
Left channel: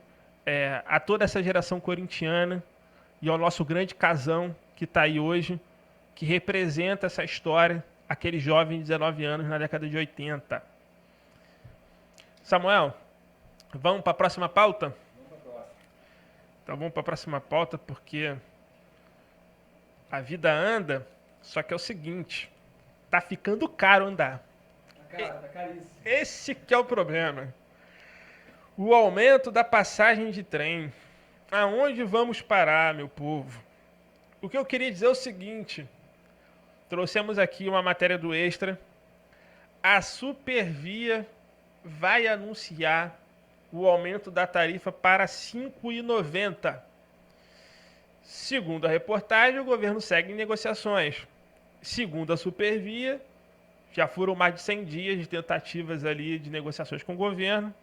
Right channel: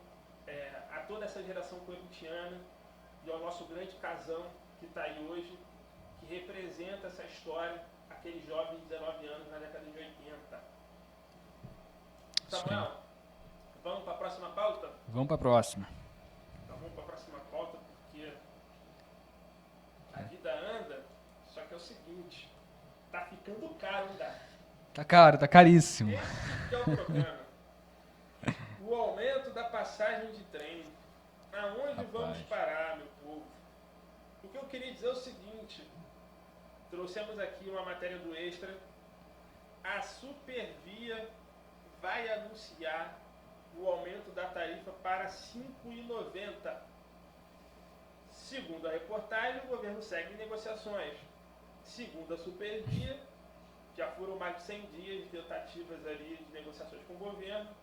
a toda essa geração corintiana e ao nosso grande Casão que está aí hoje, que representa essa história, aquele jovem de 19 anos na década de 80. Samuel, vamos para a próxima pauta? Vamos para a próxima. Então vamos para a próxima pauta, porque a vida anda, só que é o seguinte, tá ficando caro andar. Tá caro, tá caríssimo. Esse que é o problema. O aumento da passagem de trem. Aonde vamos parar, meu povo? O que eu queria dizer é o seguinte, trouxemos aqui uma matéria do Extra. A Supervia vai anunciar o aumento da tarifa para R$ 5,90. Segundo a reportagem, o governo segue em negociações. Segundo a Supervia, já foram mais de 100 dias de tentativas ali de negociações com o governo,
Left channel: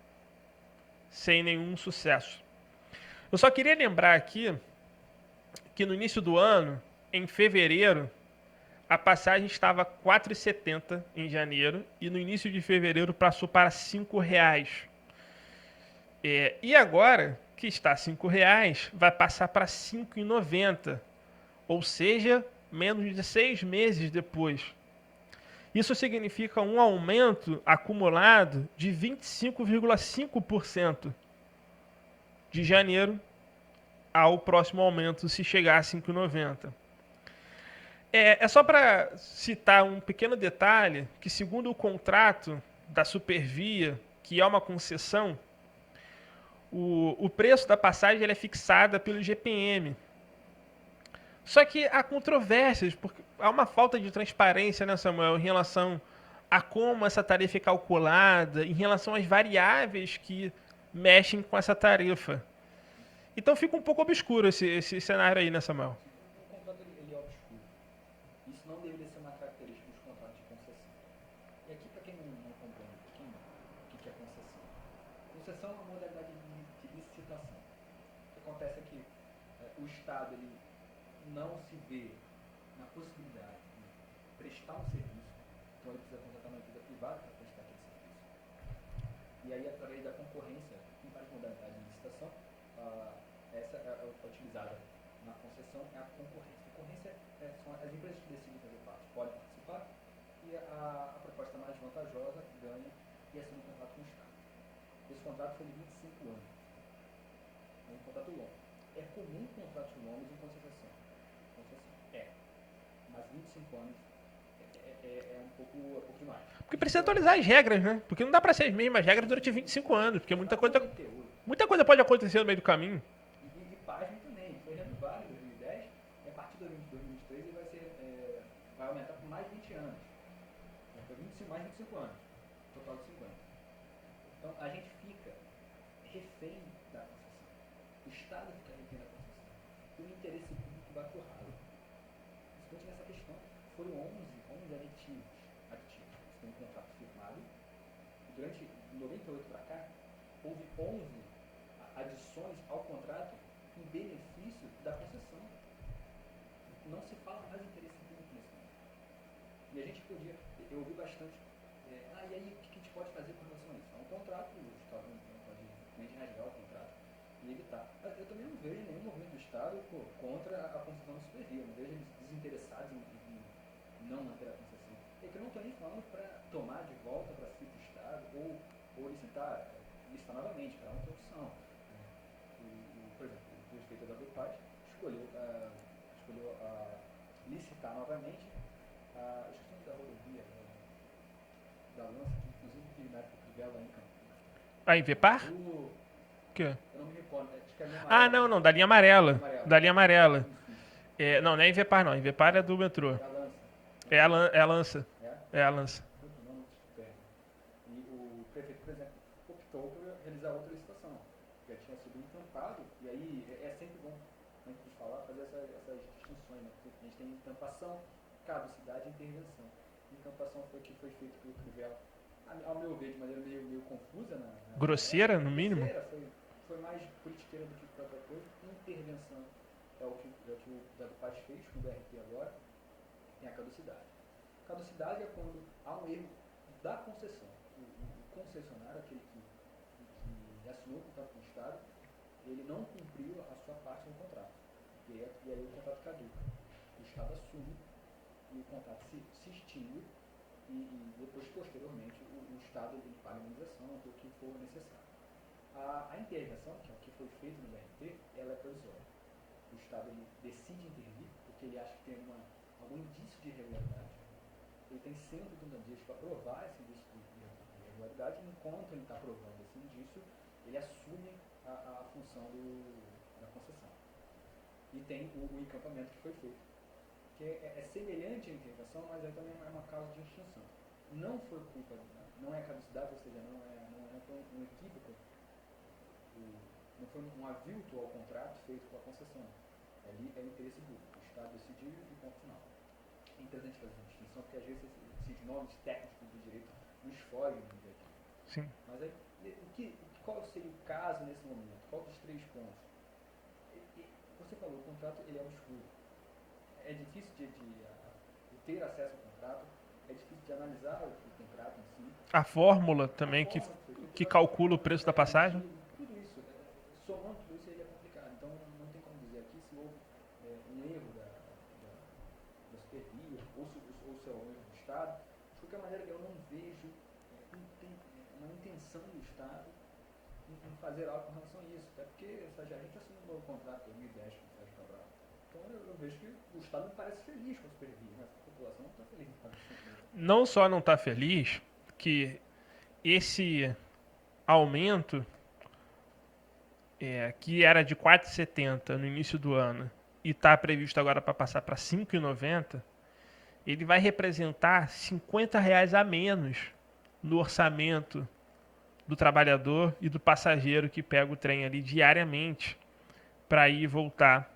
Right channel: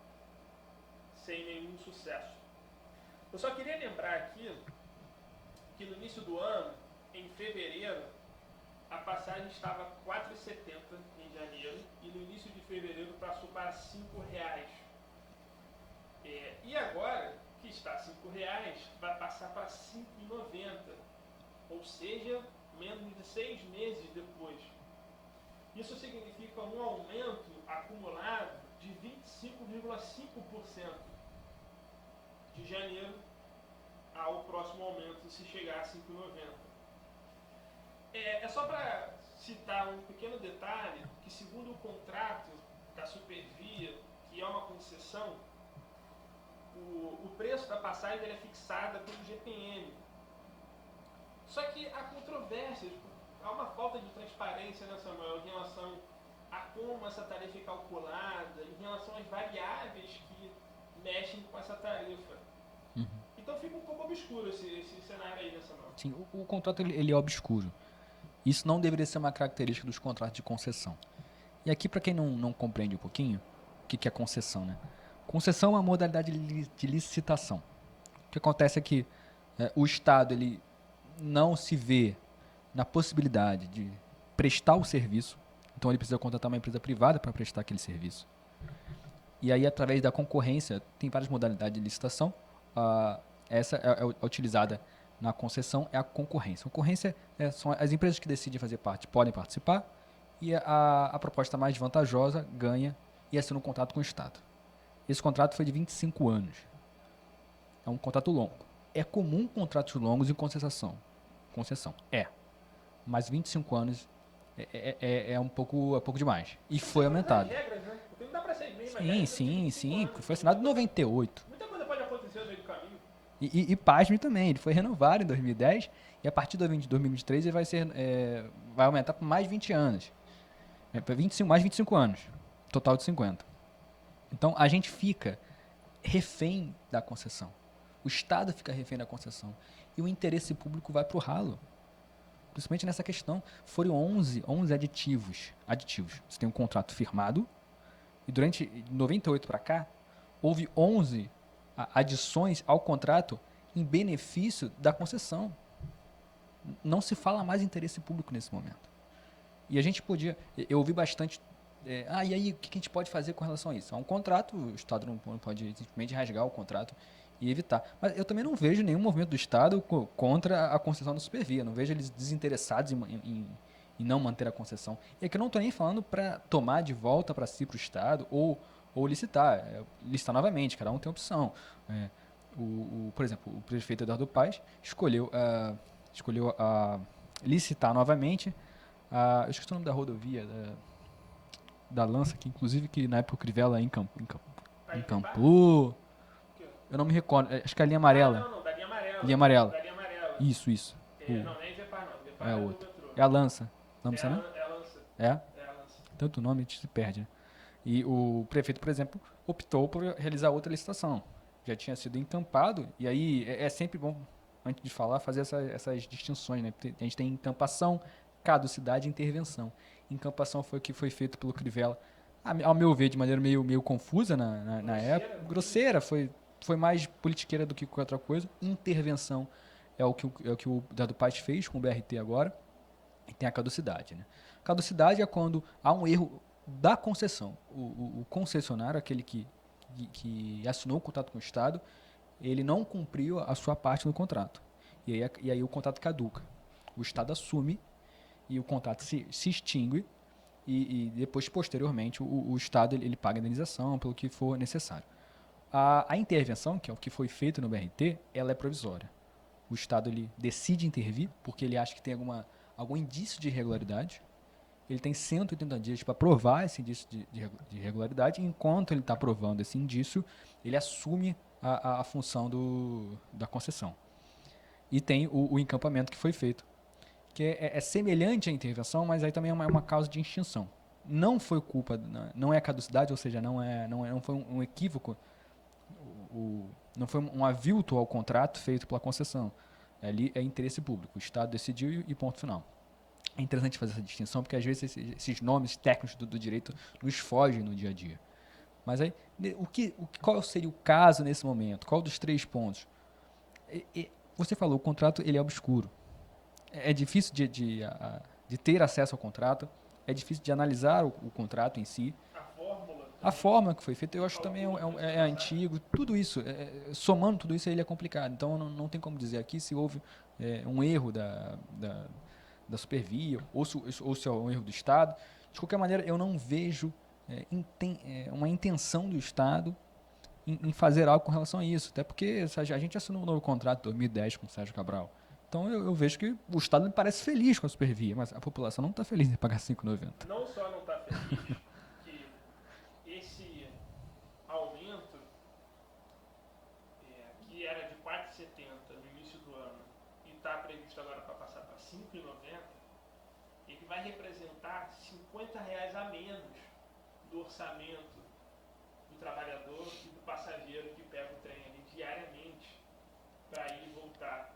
sem nenhum sucesso. Eu só queria lembrar aqui que no início do ano, em fevereiro, a passagem estava R$ 4,70 em janeiro e no início de fevereiro passou para R$ 5,00. E agora, que está R$ 5,00, vai passar para R$ 5,90. Ou seja, menos de 6 meses depois. Isso significa um aumento acumulado de 25,5% de janeiro ao próximo aumento, se chegar a 5,90. É só para citar um pequeno detalhe, que segundo o contrato da Supervia, que é uma concessão, o preço da passagem é fixada pelo GPM. Só que há controvérsias, porque há uma falta de transparência, né, Samuel, em relação a como essa tarifa é calculada, em relação às variáveis que mexem com essa tarifa. Então fica um pouco obscuro esse cenário aí, né, Samuel? Sim, o contrato ele é obscuro. Isso não deveria ser uma característica dos contratos de concessão. E aqui, para quem não compreende um pouquinho, o que é concessão, né? Concessão é uma modalidade de licitação. O que acontece é que o Estado ele não se vê na possibilidade de prestar o serviço, então ele precisa contratar uma empresa privada para prestar aquele serviço. E aí, através da concorrência, tem várias modalidades de licitação. Essa é utilizada na concessão, é a concorrência. A concorrência são as empresas que decidem fazer parte, podem participar, e a proposta mais vantajosa ganha e assina um contrato com o Estado. Esse contrato foi de 25 anos. É um contrato longo. É comum contratos longos em concessão. Mas 25 anos é um pouco demais. E precisa atualizar as regras, né? Porque não dá para ser as mesmas regras durante 25 anos. Foi assinado em 98. Muita coisa pode acontecer no meio do caminho. E pasme também, ele foi renovado em 2010 e a partir de 2023 ele vai ser vai aumentar por mais 20 anos. Para 25, mais 25 anos. Total de 50. Então, a gente fica refém da concessão. O Estado fica refém da concessão. E o interesse público vai para o ralo. Principalmente nessa questão. Foram 11 aditivos. Você tem um contrato firmado. E durante 98 para cá, houve 11 adições ao contrato em benefício da concessão. Não se fala mais em interesse público nesse momento. E a gente podia... Eu ouvi bastante... e aí, o que a gente pode fazer com relação a isso? É um contrato, o Estado não pode simplesmente rasgar o contrato e evitar. Mas eu também não vejo nenhum movimento do Estado contra a concessão da Supervia. Não vejo eles desinteressados em não manter a concessão. E aqui eu não estou nem falando para tomar de volta para si, para o Estado, ou licitar. Licitar novamente, cada um tem opção. Por exemplo, o prefeito Eduardo Paes escolheu licitar novamente. Eu esqueci o nome da rodovia da Lança, que inclusive que na época o Crivella encampou. Invepar? O quê? Eu não me recordo. Acho que é a linha amarela. Não, da linha amarela. Linha amarela. Da linha amarela. Isso. Não é Invepar, não. Invepar é do metrô. É a Lança. É a Lança. É? É a Lança. Tanto nome a gente se perde, né? E o prefeito, por exemplo, optou por realizar outra licitação. Já tinha sido encampado, e aí é sempre bom, antes de falar, fazer essas distinções, né? A gente tem encampação, caducidade e intervenção. Encampação foi o que foi feito pelo Crivella, ao meu ver, de maneira meio confusa na grosseira, época. no Grosseira, foi mais politiqueira do que qualquer outra coisa. Intervenção é o que o Eduardo Paes fez com o BRT agora. E tem a caducidade, né? Caducidade é quando há um erro da concessão. O concessionário, aquele que assinou o contrato com o Estado, ele não cumpriu a sua parte do contrato. E aí o contrato caduca. O Estado assume e o contrato se extingue e depois, posteriormente, o Estado ele paga a indenização pelo que for necessário. A intervenção, que é o que foi feito no BRT, ela é provisória. O Estado ele decide intervir porque ele acha que tem algum indício de irregularidade. Ele tem 180 dias para provar esse indício de irregularidade. E enquanto ele está provando esse indício, ele assume a função da concessão. E tem o encampamento que foi feito, que é semelhante à intervenção, mas aí também é uma causa de extinção. Não foi culpa, não é caducidade, ou seja, não foi um equívoco, não foi um avilto ao contrato feito pela concessão. Ali é interesse público. O Estado decidiu e ponto final. É interessante fazer essa distinção, porque às vezes esses nomes técnicos do direito nos fogem no dia a dia. Sim. Mas aí, qual seria o caso nesse momento? Qual dos 3 pontos? Você falou, o contrato ele é obscuro. É difícil de ter acesso ao contrato, é difícil de analisar o contrato em si. A fórmula também. A fórmula que foi feita, que calcula o preço da passagem. Antigo, tudo isso, somando tudo isso, ele é complicado. Então, não tem como dizer aqui se houve um erro da Supervia ou se é um erro do Estado. De qualquer maneira, eu não vejo uma intenção do Estado em fazer algo com relação a isso. Até porque a gente assinou um novo contrato em 2010 com o Sérgio Cabral. Então eu vejo que o Estado me parece feliz com a Supervia, mas a população não está feliz em pagar R$ 5,90. Não só não está feliz, que esse aumento que era de R$ 4,70 no início do ano e está previsto agora para passar para R$ 5,90, ele vai representar R$ 50 a menos no orçamento do trabalhador e do passageiro que pega o trem ali diariamente para ir e voltar,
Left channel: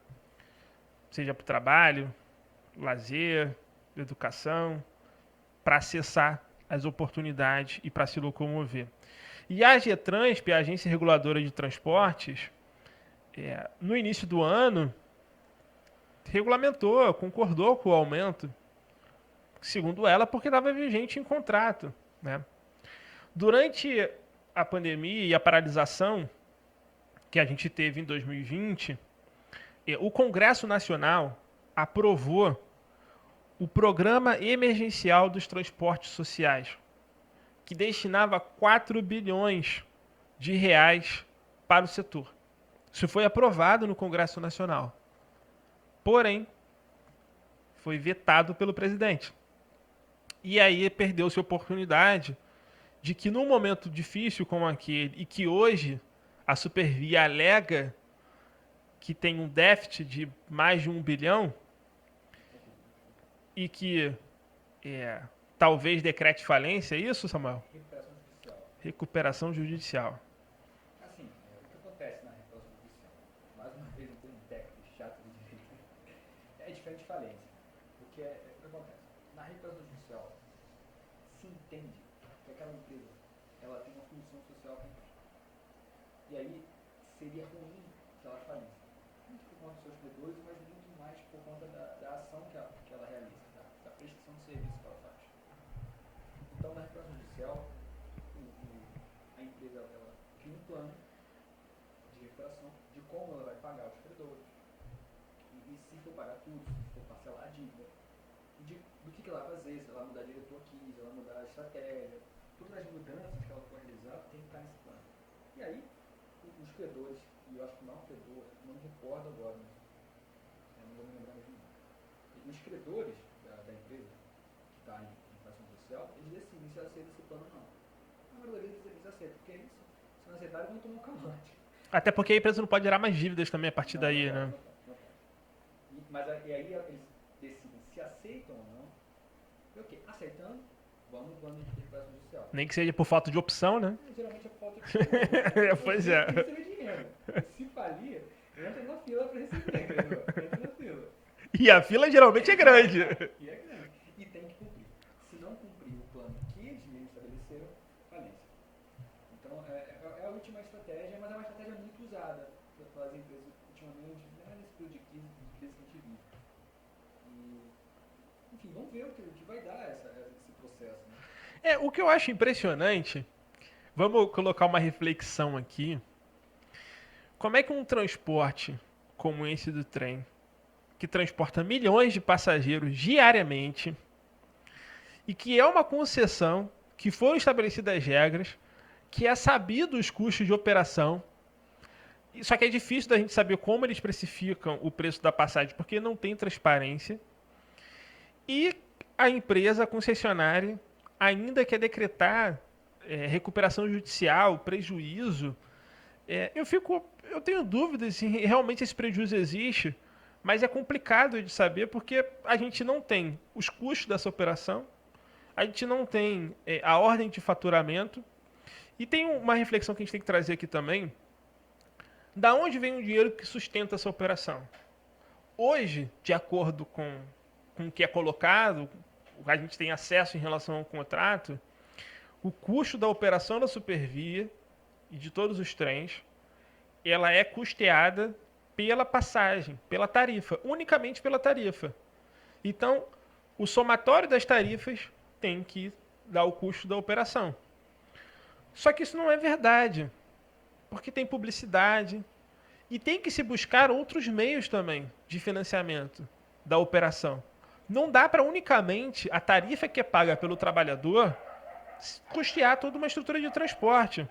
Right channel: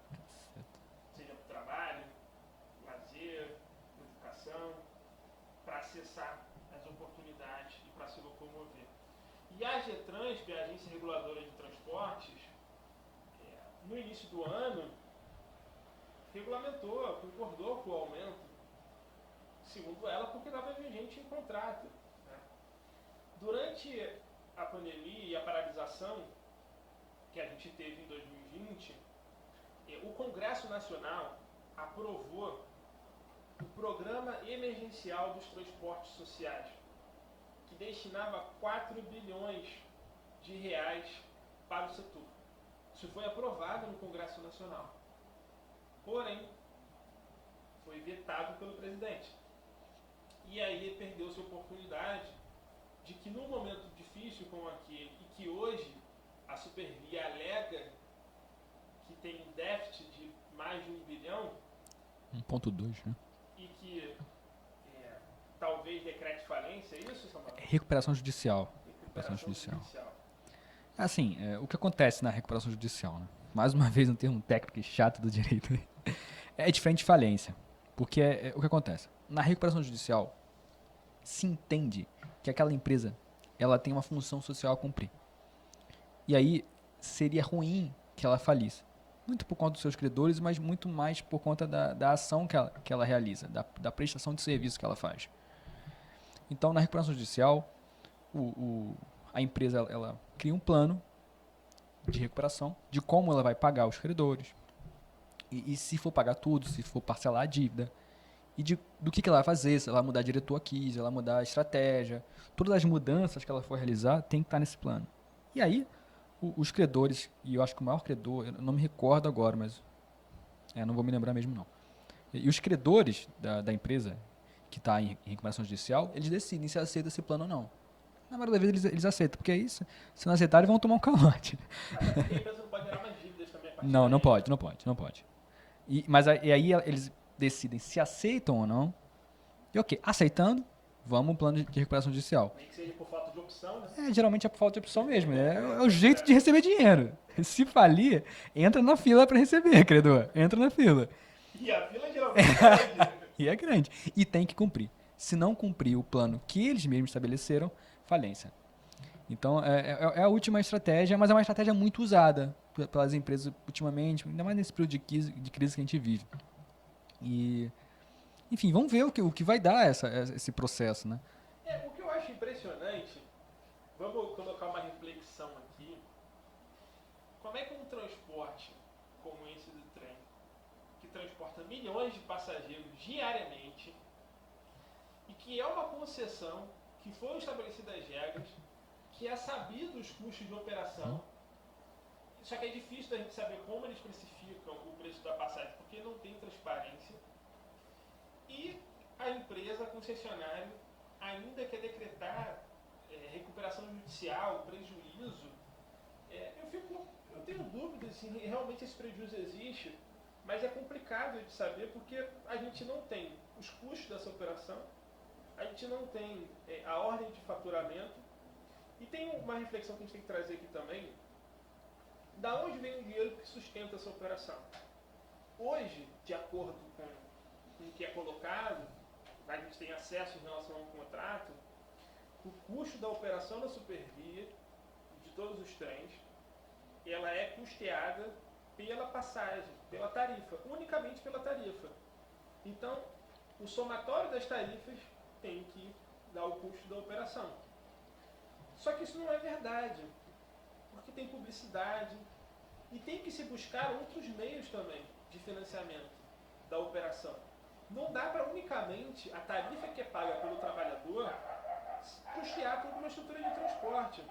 seja para o trabalho, lazer, educação, para acessar as oportunidades e para se locomover. E a Getransp, a Agência Reguladora de Transportes, no início do ano, regulamentou, concordou com o aumento, segundo ela, porque estava vigente em contrato, né? Durante a pandemia e a paralisação que a gente teve em 2020, o Congresso Nacional aprovou o Programa Emergencial dos Transportes Sociais, que destinava 4 bilhões de reais para o setor. Isso foi aprovado no Congresso Nacional. Porém, foi vetado pelo presidente. E aí perdeu-se a oportunidade de que num momento difícil como aquele, e que hoje a Supervia alega que tem um déficit de mais de 1 bilhão, 1,2, né? e que talvez decrete falência, é isso, Samuel? Recuperação judicial. Recuperação judicial. Assim, o que acontece na recuperação judicial, né? Mais uma vez um termo técnico e chato do direito. É diferente de falência. Porque o que acontece? Na recuperação judicial, se entende que aquela empresa ela tem uma função social a cumprir. E aí seria ruim que ela falisse. Muito por conta dos seus credores, mas muito mais por conta da ação que ela realiza, da prestação de serviço que ela faz. Então, na recuperação judicial, a empresa ela cria um plano de recuperação, de como ela vai pagar os credores, e se for pagar tudo, se for parcelar a dívida, e do que ela vai fazer, se ela vai mudar diretor aqui, se ela mudar a estratégia, todas as mudanças que ela for realizar tem que estar nesse plano. E aí, os credores, e eu acho que o maior credor, eu não me recordo agora, mas não vou me lembrar mesmo não. E os credores da empresa que está em recuperação judicial, eles decidem se aceita esse plano ou não. Na maioria das vezes eles aceitam, porque é isso. Se não aceitarem, vão tomar um calote. Até porque a empresa não pode gerar mais dívidas também a partir Não, daí. não pode, né? não pode. Mas aí eles decidem se aceitam ou não. E ok, aceitando, vamos um plano de recuperação judicial. Nem que seja por falta de opção, né? Geralmente é por falta de opção mesmo. É o Pois jeito é. de receber dinheiro. Se falir, entra na fila para receber, credor. Entra na fila. E a fila geralmente é grande. E é grande. E tem que cumprir. Se não cumprir o plano que eles mesmos estabeleceram, falência. Então, é a última estratégia, mas é uma estratégia muito usada pelas empresas ultimamente, ainda mais nesse período de crise que a gente vive. E, enfim, vamos ver o que vai dar esse processo, né? O que eu acho impressionante, vamos colocar uma reflexão aqui. Como é que um transporte como esse do trem, que transporta milhões de passageiros diariamente, e que é uma concessão, que foram estabelecidas as regras, que é sabido os custos de operação, só que é difícil da gente saber como eles precificam o preço da passagem, porque não tem transparência, e a empresa, a concessionária, ainda quer decretar recuperação judicial, prejuízo. Eu tenho dúvidas se realmente esse prejuízo existe, mas é complicado de saber porque a gente não tem os custos dessa operação, a gente não tem a ordem de faturamento, e tem uma reflexão que a gente tem que trazer aqui também, da onde vem o dinheiro que sustenta essa operação. Hoje, de acordo com o que é colocado, a gente tem acesso em relação ao contrato, o custo da operação da Supervia e de todos os trens, ela é custeada pela passagem, pela tarifa, unicamente pela tarifa. Então, o somatório das tarifas tem que dar o custo da operação. Só que isso não é verdade, porque tem publicidade e tem que se buscar outros meios também de financiamento da operação. Não dá para unicamente a tarifa que é paga pelo trabalhador custear toda uma estrutura de transporte.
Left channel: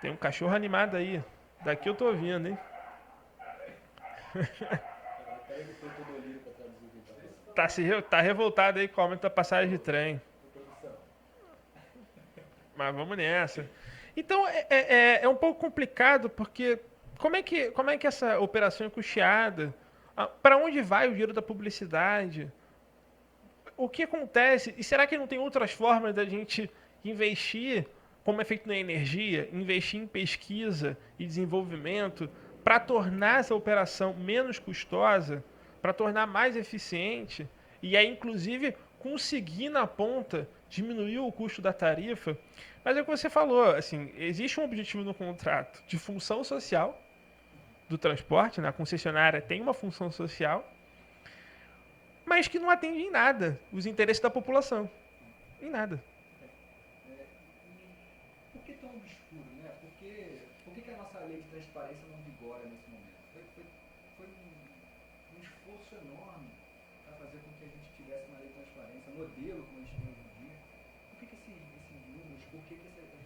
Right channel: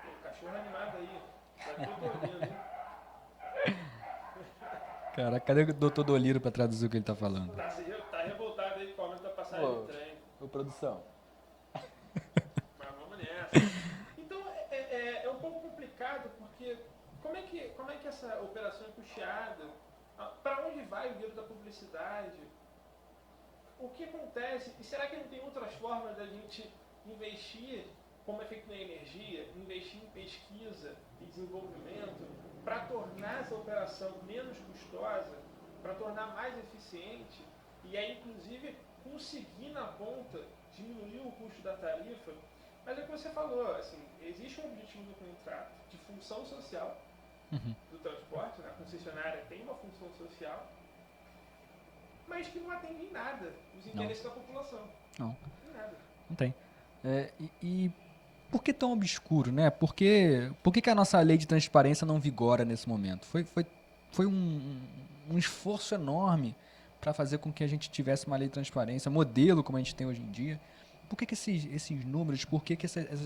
Tem um cachorro animado aí. Daqui eu tô ouvindo, hein? Cara, cadê o doutor Doliro pra traduzir o que ele tá falando? Tá revoltado aí com o aumento da passagem de trem. Ô, produção. Mas vamos nessa. Então é um pouco complicado porque como é que essa operação é custeada? Para onde vai o dinheiro da publicidade? O que acontece? E será que não tem outras formas da gente investir, como é feito na energia, investir em pesquisa e desenvolvimento para tornar essa operação menos custosa, para tornar mais eficiente e aí inclusive conseguir na ponta diminuir o custo da tarifa? Mas é o que você falou, assim, existe um objetivo no contrato de função social do transporte, né? A concessionária tem uma função social, mas que não atende em nada os interesses da população. Não. Em nada. Não tem. E por que tão obscuro, né? Por que a nossa lei de transparência não vigora nesse momento? Foi um esforço enorme para fazer com que a gente tivesse uma lei de transparência, modelo como a gente tem hoje em dia. Por que esses números, por que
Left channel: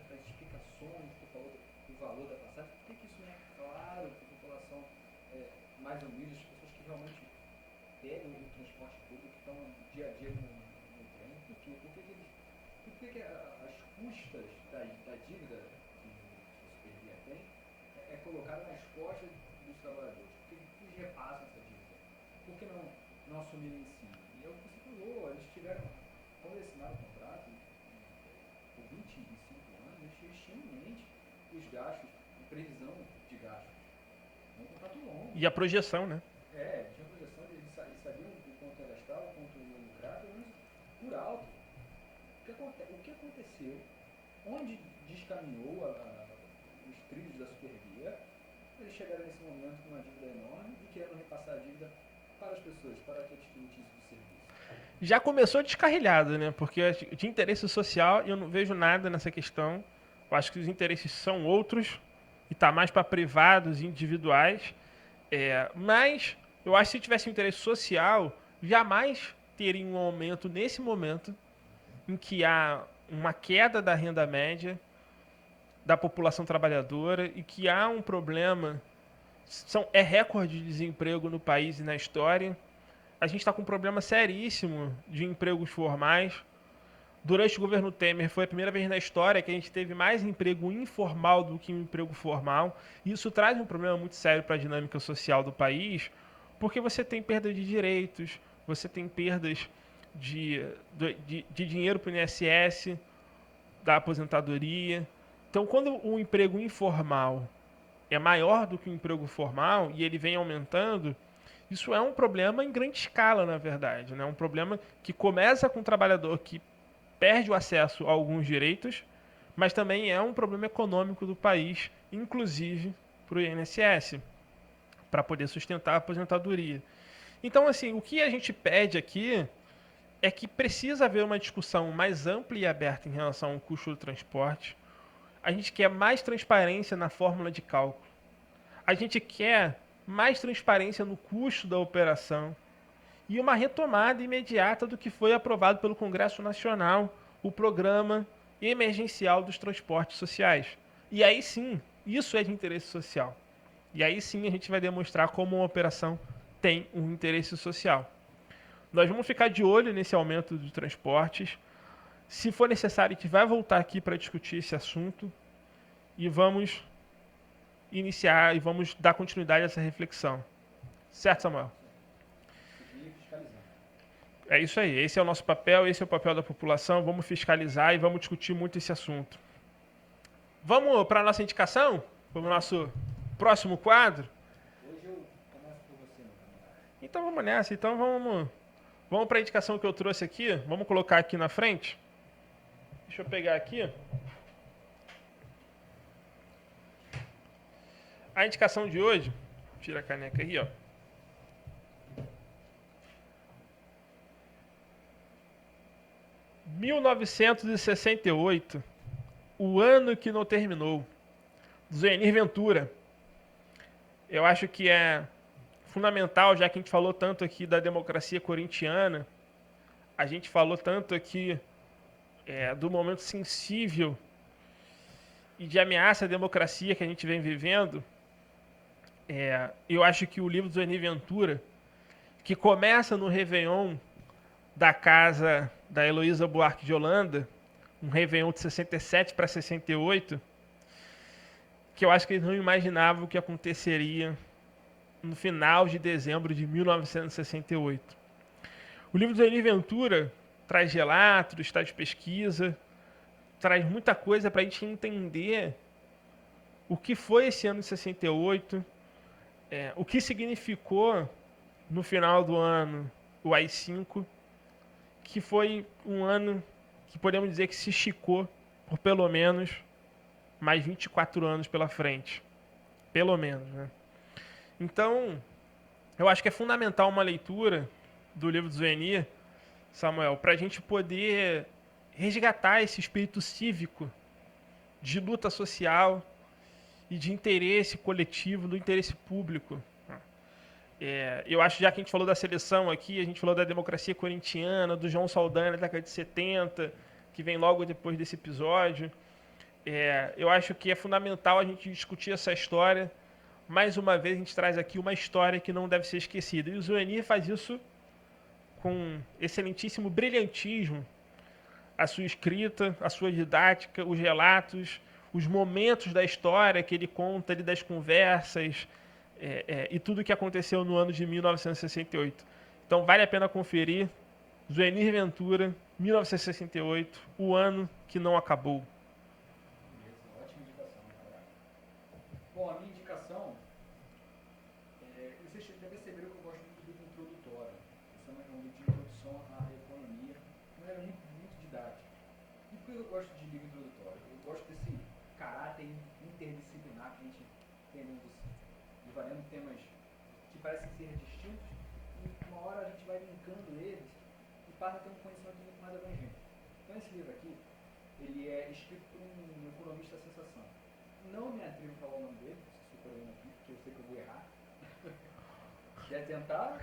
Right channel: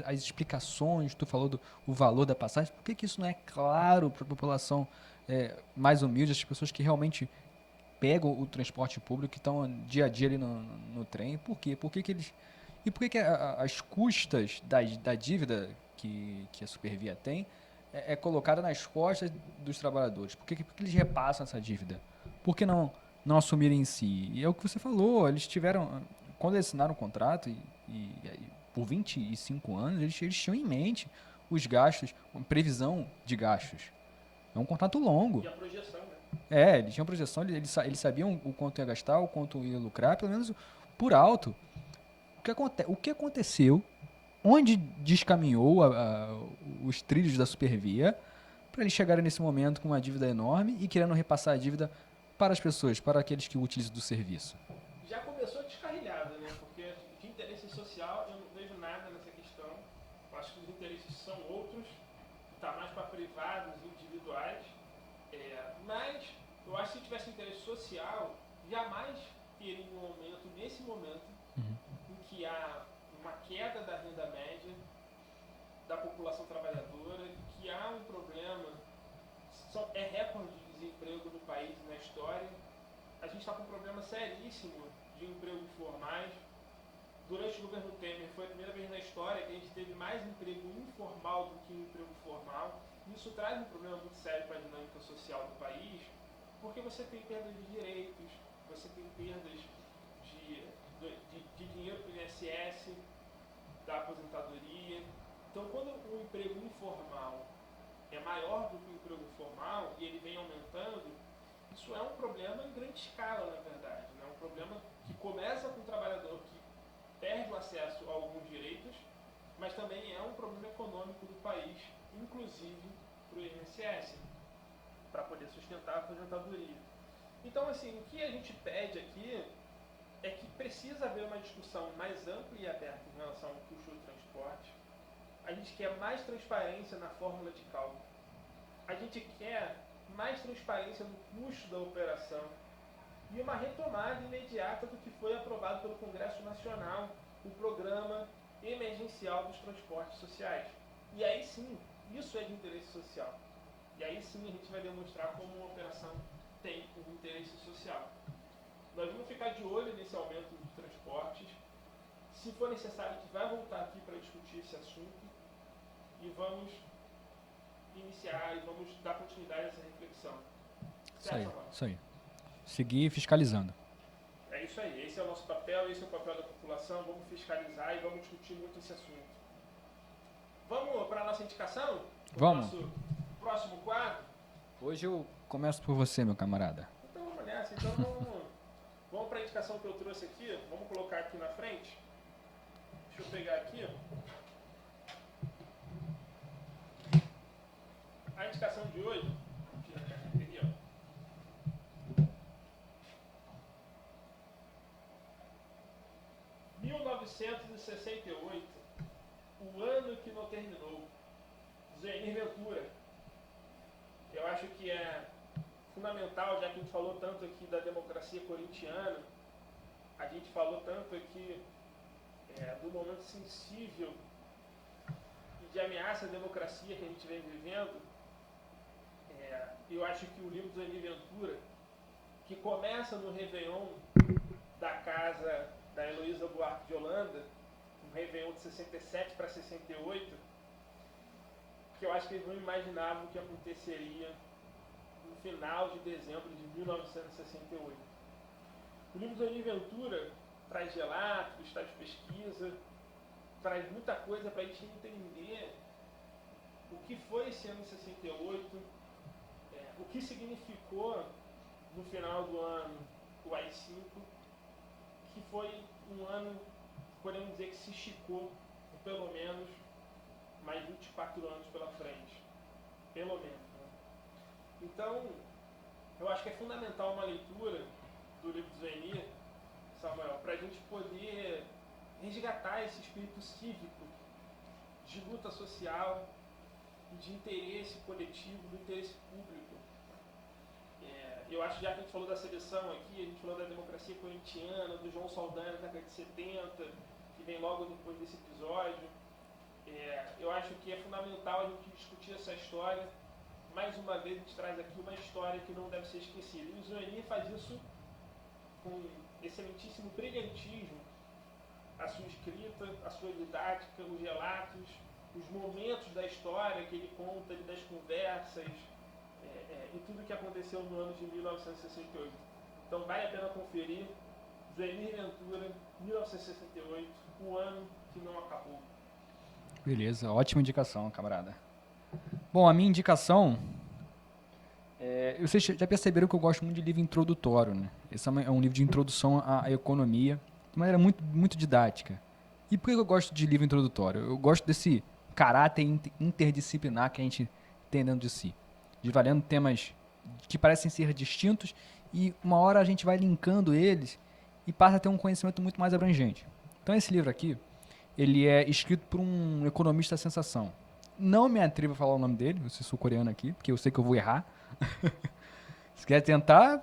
as explicações, tu falou do o valor da passagem, por que isso não é claro para a população mais humilde, as pessoas que realmente pegam o transporte público, que estão dia a dia ali no trem? Por quê? Por que eles... E por que as custas da dívida que a Supervia tem é colocada nas costas dos trabalhadores? Por que eles repassam essa dívida? Por que não não assumirem em si. E é o que você falou, eles tiveram, quando eles assinaram o contrato, por 25 anos, eles tinham em mente os gastos, previsão de gastos. É um contrato longo. E a projeção, né? Eles tinham projeção, eles sabiam o quanto ia gastar, o quanto ia lucrar, pelo menos por alto. O que aconteceu, onde descaminhou os trilhos da Supervia, para eles chegarem nesse momento com uma dívida enorme e querendo repassar a dívida para as pessoas, para aqueles que utilizam do serviço. Já começou descarrilhado, né? Porque de interesse social eu não vejo nada nessa questão. Eu acho que os interesses são outros e tá mais para privados e individuais. Mas eu acho que se tivesse interesse social, jamais teria um aumento nesse momento em que há uma queda da renda média da população trabalhadora e que há um problema, é recorde de desemprego no país e na história. A gente está com um problema seríssimo de empregos formais. Durante o governo Temer foi a primeira vez na história que a gente teve mais emprego informal do que emprego formal. E isso traz um problema muito sério para a dinâmica social do país, porque você tem perda de direitos, você tem perdas de dinheiro para o INSS, da aposentadoria. Então, quando o emprego informal é maior do que o emprego formal e ele vem aumentando, isso é um problema em grande escala, na verdade. É um problema que começa com o trabalhador que perde o acesso a alguns direitos, mas também é um problema econômico do país, inclusive para o INSS, para poder sustentar a aposentadoria. Então, assim, o que a gente pede aqui é que precisa haver uma discussão mais ampla e aberta em relação ao custo do transporte. A gente quer mais transparência na fórmula de cálculo. A gente quer mais transparência no custo da operação e uma retomada imediata do que foi aprovado pelo Congresso Nacional, o Programa Emergencial dos Transportes Sociais. E aí sim, isso é de interesse social. E aí sim a gente vai demonstrar como uma operação tem um interesse social. Nós vamos ficar de olho nesse aumento de transportes. Se for necessário, a gente vai voltar aqui para discutir esse assunto e vamos iniciar e vamos dar continuidade a essa reflexão. Certo, Samuel? Isso aí. Seguir fiscalizando. É isso aí. Esse é o nosso papel, esse é o papel da população. Vamos fiscalizar e vamos discutir muito esse assunto. Vamos para a nossa indicação? Para o nosso próximo quadro? Hoje eu começo por você, meu camarada. Então vamos nessa. Então vamos para a indicação que eu trouxe aqui. Vamos colocar aqui na frente. Deixa eu pegar aqui. A indicação de hoje, tira a caneca aí, ó. « 1968, o ano que não terminou, Zuenir Ventura. Eu acho que é fundamental, já que a gente falou tanto aqui da democracia corintiana, a gente falou tanto aqui do momento sensível e de ameaça à democracia que a gente vem vivendo. Eu acho que o livro do Zuenir Ventura, que começa no Réveillon da casa da Heloísa Buarque de Holanda, um Réveillon de 67 para 68, que eu acho que eles não imaginavam o que aconteceria no final de dezembro de 1968. O livro do Zuenir Ventura traz relatos, traz pesquisa, traz muita coisa para a gente entender o que foi esse ano de 68, o que significou no final do ano o AI-5, que foi um ano que podemos dizer que se esticou por pelo menos mais 24 anos pela frente. Pelo menos, né? Então, eu acho que é fundamental uma leitura do livro do Zuenir, Samuel, para a gente poder resgatar esse espírito cívico de luta social e de interesse coletivo, do interesse público. Eu acho, já que a gente falou da seleção aqui, a gente falou da democracia corintiana, do João Saldanha da década de 70, que vem logo depois desse episódio. Eu acho que é fundamental a gente discutir essa história. Mais uma vez, a gente traz aqui uma história que não deve ser esquecida. E o Zuenir faz isso com excelentíssimo brilhantismo. A sua escrita, a sua didática, os relatos, os momentos da história que ele conta ali das conversas, e tudo o que aconteceu no ano de 1968. Então vale a pena conferir. Zuenir Ventura, 1968, o ano que não acabou. Beleza, ótima indicação, camarada. Bom, a minha indicação... vocês já perceberam que eu gosto muito de livro introdutório, né? Esse é um livro de introdução à economia, de maneira muito, muito didática. E por que eu gosto de livro introdutório? Eu gosto desse caráter interdisciplinar que a gente tem dentro de si. De valendo temas que parecem ser distintos e uma hora a gente vai linkando eles e passa a ter um conhecimento muito mais abrangente. Então esse livro aqui, ele é escrito por um economista sensação. Não me atrevo a falar o nome dele, eu sou sul-coreano aqui, porque eu sei que eu vou errar. Se quer tentar,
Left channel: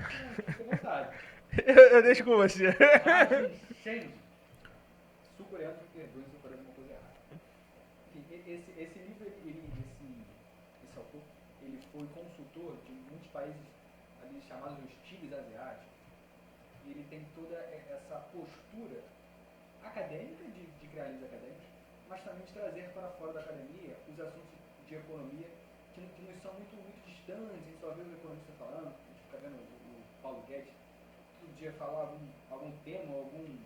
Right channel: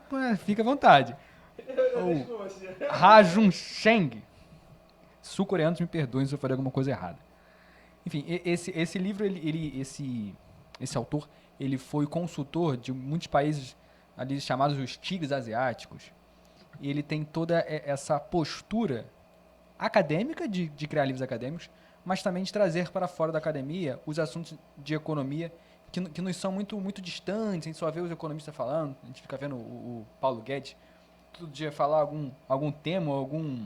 fica à vontade. Eu deixo com você. Ha-Jun Cheng. Sul-coreanos me perdoem se eu falei alguma coisa errada. Enfim, esse livro, esse autor, ele foi consultor de muitos países ali chamados os tigres asiáticos. E ele tem toda essa postura acadêmica de criar livros acadêmicos, mas também de trazer para fora da academia os assuntos de economia que nos são muito, muito distantes. A gente só vê os economistas falando, a gente fica vendo o Paulo Guedes todo dia falar algum tema, algum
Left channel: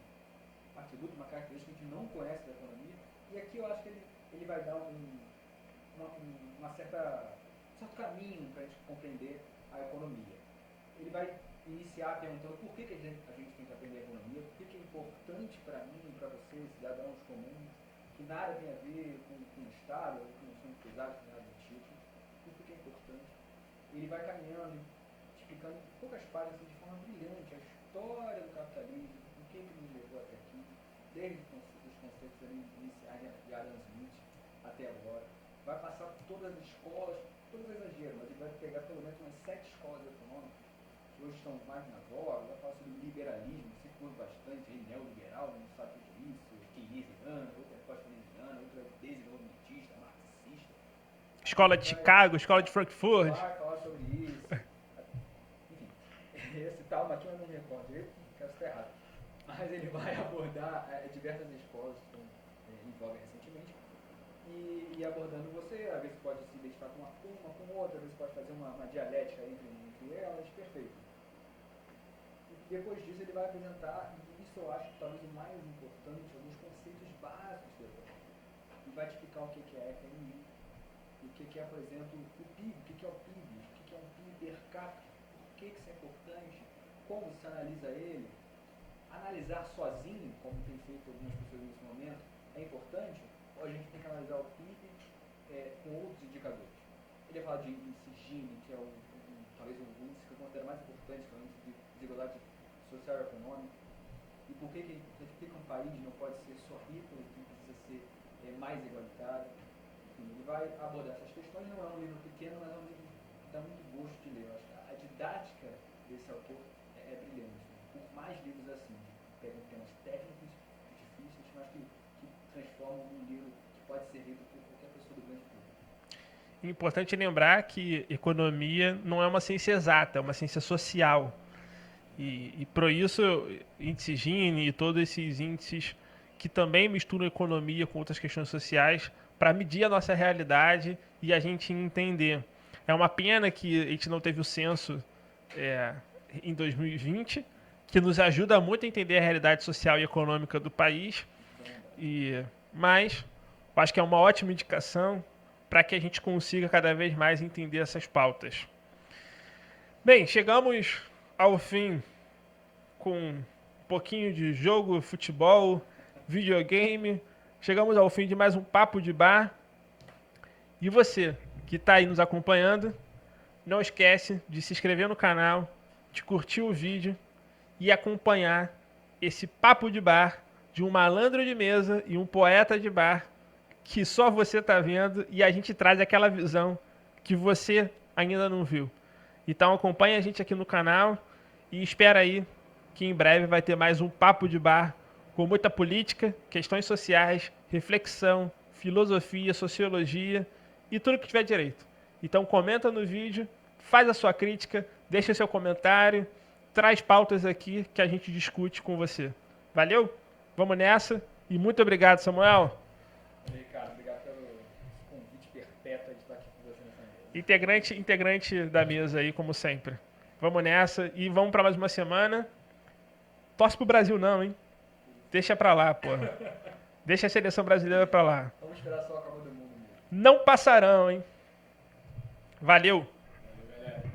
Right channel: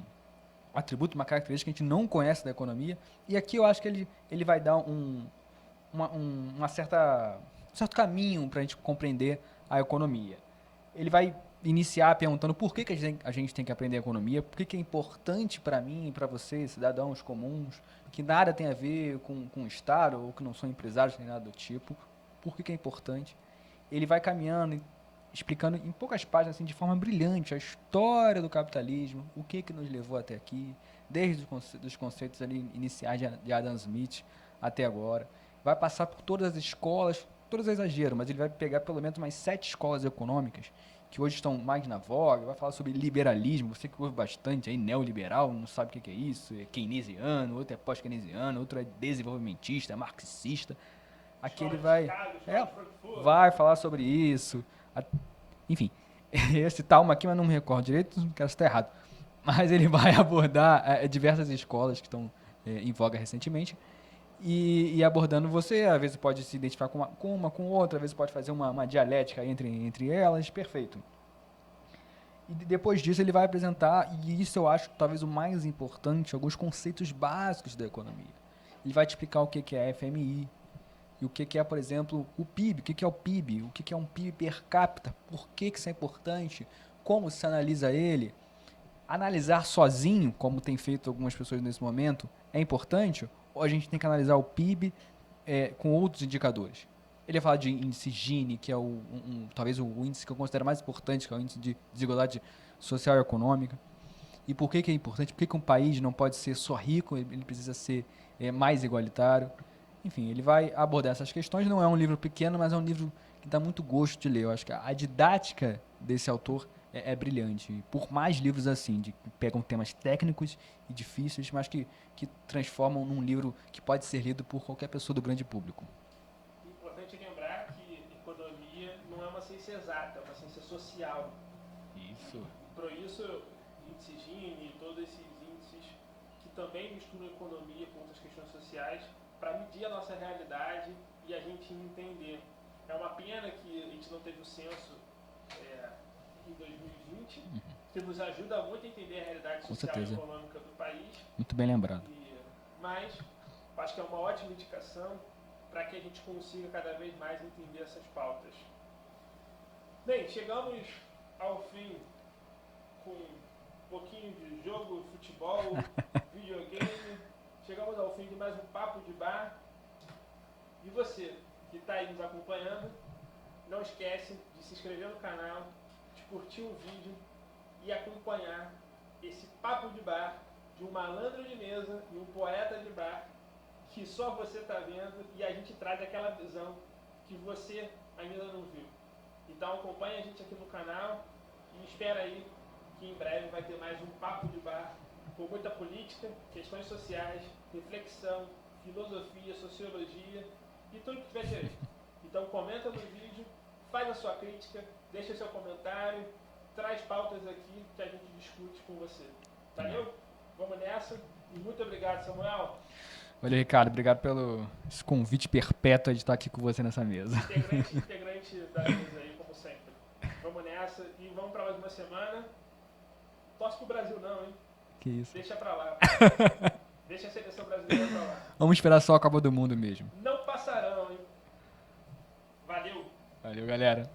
atributo, uma característica que a gente não conhece da economia. E aqui eu acho que ele vai dar um certo caminho para a gente compreender a economia. Ele vai iniciar perguntando por que a gente tem que aprender economia, por que é importante para mim e para você, cidadãos comuns, que nada tem a ver com o Estado ou que não são empresários nem nada do tipo, por que é importante. Ele vai caminhando, explicando em poucas páginas, assim, de forma brilhante, a história do capitalismo, o que nos levou até aqui, desde os conceitos ali iniciais de Adam Smith até agora. Vai passar por todas as escolas, todas é exagero, mas ele vai pegar pelo menos umas 7 escolas econômicas que hoje estão mais na voga, vai falar sobre liberalismo, você que ouve bastante aí, neoliberal, não sabe o que é isso, é keynesiano, outro é pós-keynesiano, outro é desenvolvimentista, é marxista. Escola de Chicago, escola de Frankfurt. Vai falar sobre isso. Enfim, esse Talma aqui, mas não me recordo direito, não quero estar errado. Mas ele vai abordar diversas escolas que estão em voga recentemente. E abordando você, às vezes pode se identificar com outra, às vezes pode fazer uma dialética entre elas, perfeito. E depois disso ele vai apresentar, e isso eu acho talvez o mais importante, alguns conceitos básicos da economia. Ele vai te explicar o que é a FMI, e o que é, por exemplo, o PIB, o que é o PIB, o que é um PIB per capita, por que isso é importante, como se analisa ele. Analisar sozinho, como tem feito algumas pessoas nesse momento, é importante, ou a gente tem que analisar o PIB com outros indicadores. Ele vai falar de índice Gini, que é talvez o índice que eu considero mais importante, que é o índice de desigualdade social e econômica. E por que é importante? Por que um país não pode ser só rico, ele precisa ser mais igualitário. Enfim, ele vai abordar essas questões. Não é um livro pequeno, mas é um livro que dá muito gosto de ler. Eu acho que a didática desse autor é brilhante. Por mais livros assim, que pegam temas técnicos e difíceis, mas que transformam num livro que pode ser lido por qualquer pessoa do grande público. Importante lembrar que economia não é uma ciência exata, é uma ciência social. E por isso, índice Gini e todos esses índices que também misturam economia com outras questões sociais para medir a nossa realidade e a gente entender. É uma pena que a gente não teve o censo em 2020, que nos ajuda muito a entender a realidade social e econômica do país. Muito bem lembrado. Mas eu acho que é uma ótima indicação para que a gente consiga cada vez mais entender essas pautas. Bem, chegamos ao fim com um pouquinho de jogo, futebol, videogame. Chegamos ao fim de mais um Papo de Bar. E você que está aí nos acompanhando, não esquece de se inscrever no canal, de curtir o vídeo e acompanhar esse Papo de Bar de um malandro de mesa e um poeta de bar que só você está vendo e a gente traz aquela visão que você ainda não viu. Então acompanha a gente aqui no canal e espera aí que em breve vai ter mais um Papo de Bar com muita política, questões sociais, reflexão, filosofia, sociologia e tudo que tiver direito. Então comenta no vídeo, faz a sua crítica, deixa seu comentário, traz pautas aqui que a gente discute com você. Valeu? Vamos nessa e muito obrigado, Samuel. Valeu, Ricardo. Obrigado pelo esse convite perpétuo de estar aqui com você nessa mesa. Integrante da mesa aí, como sempre. Vamos nessa e vamos pra mais uma semana. Torce pro Brasil não, hein? Que isso. Deixa pra lá, pô. Deixa a seleção brasileira pra lá. Vamos esperar só a Copa do Mundo mesmo. Não passarão, hein? Valeu. Valeu, galera.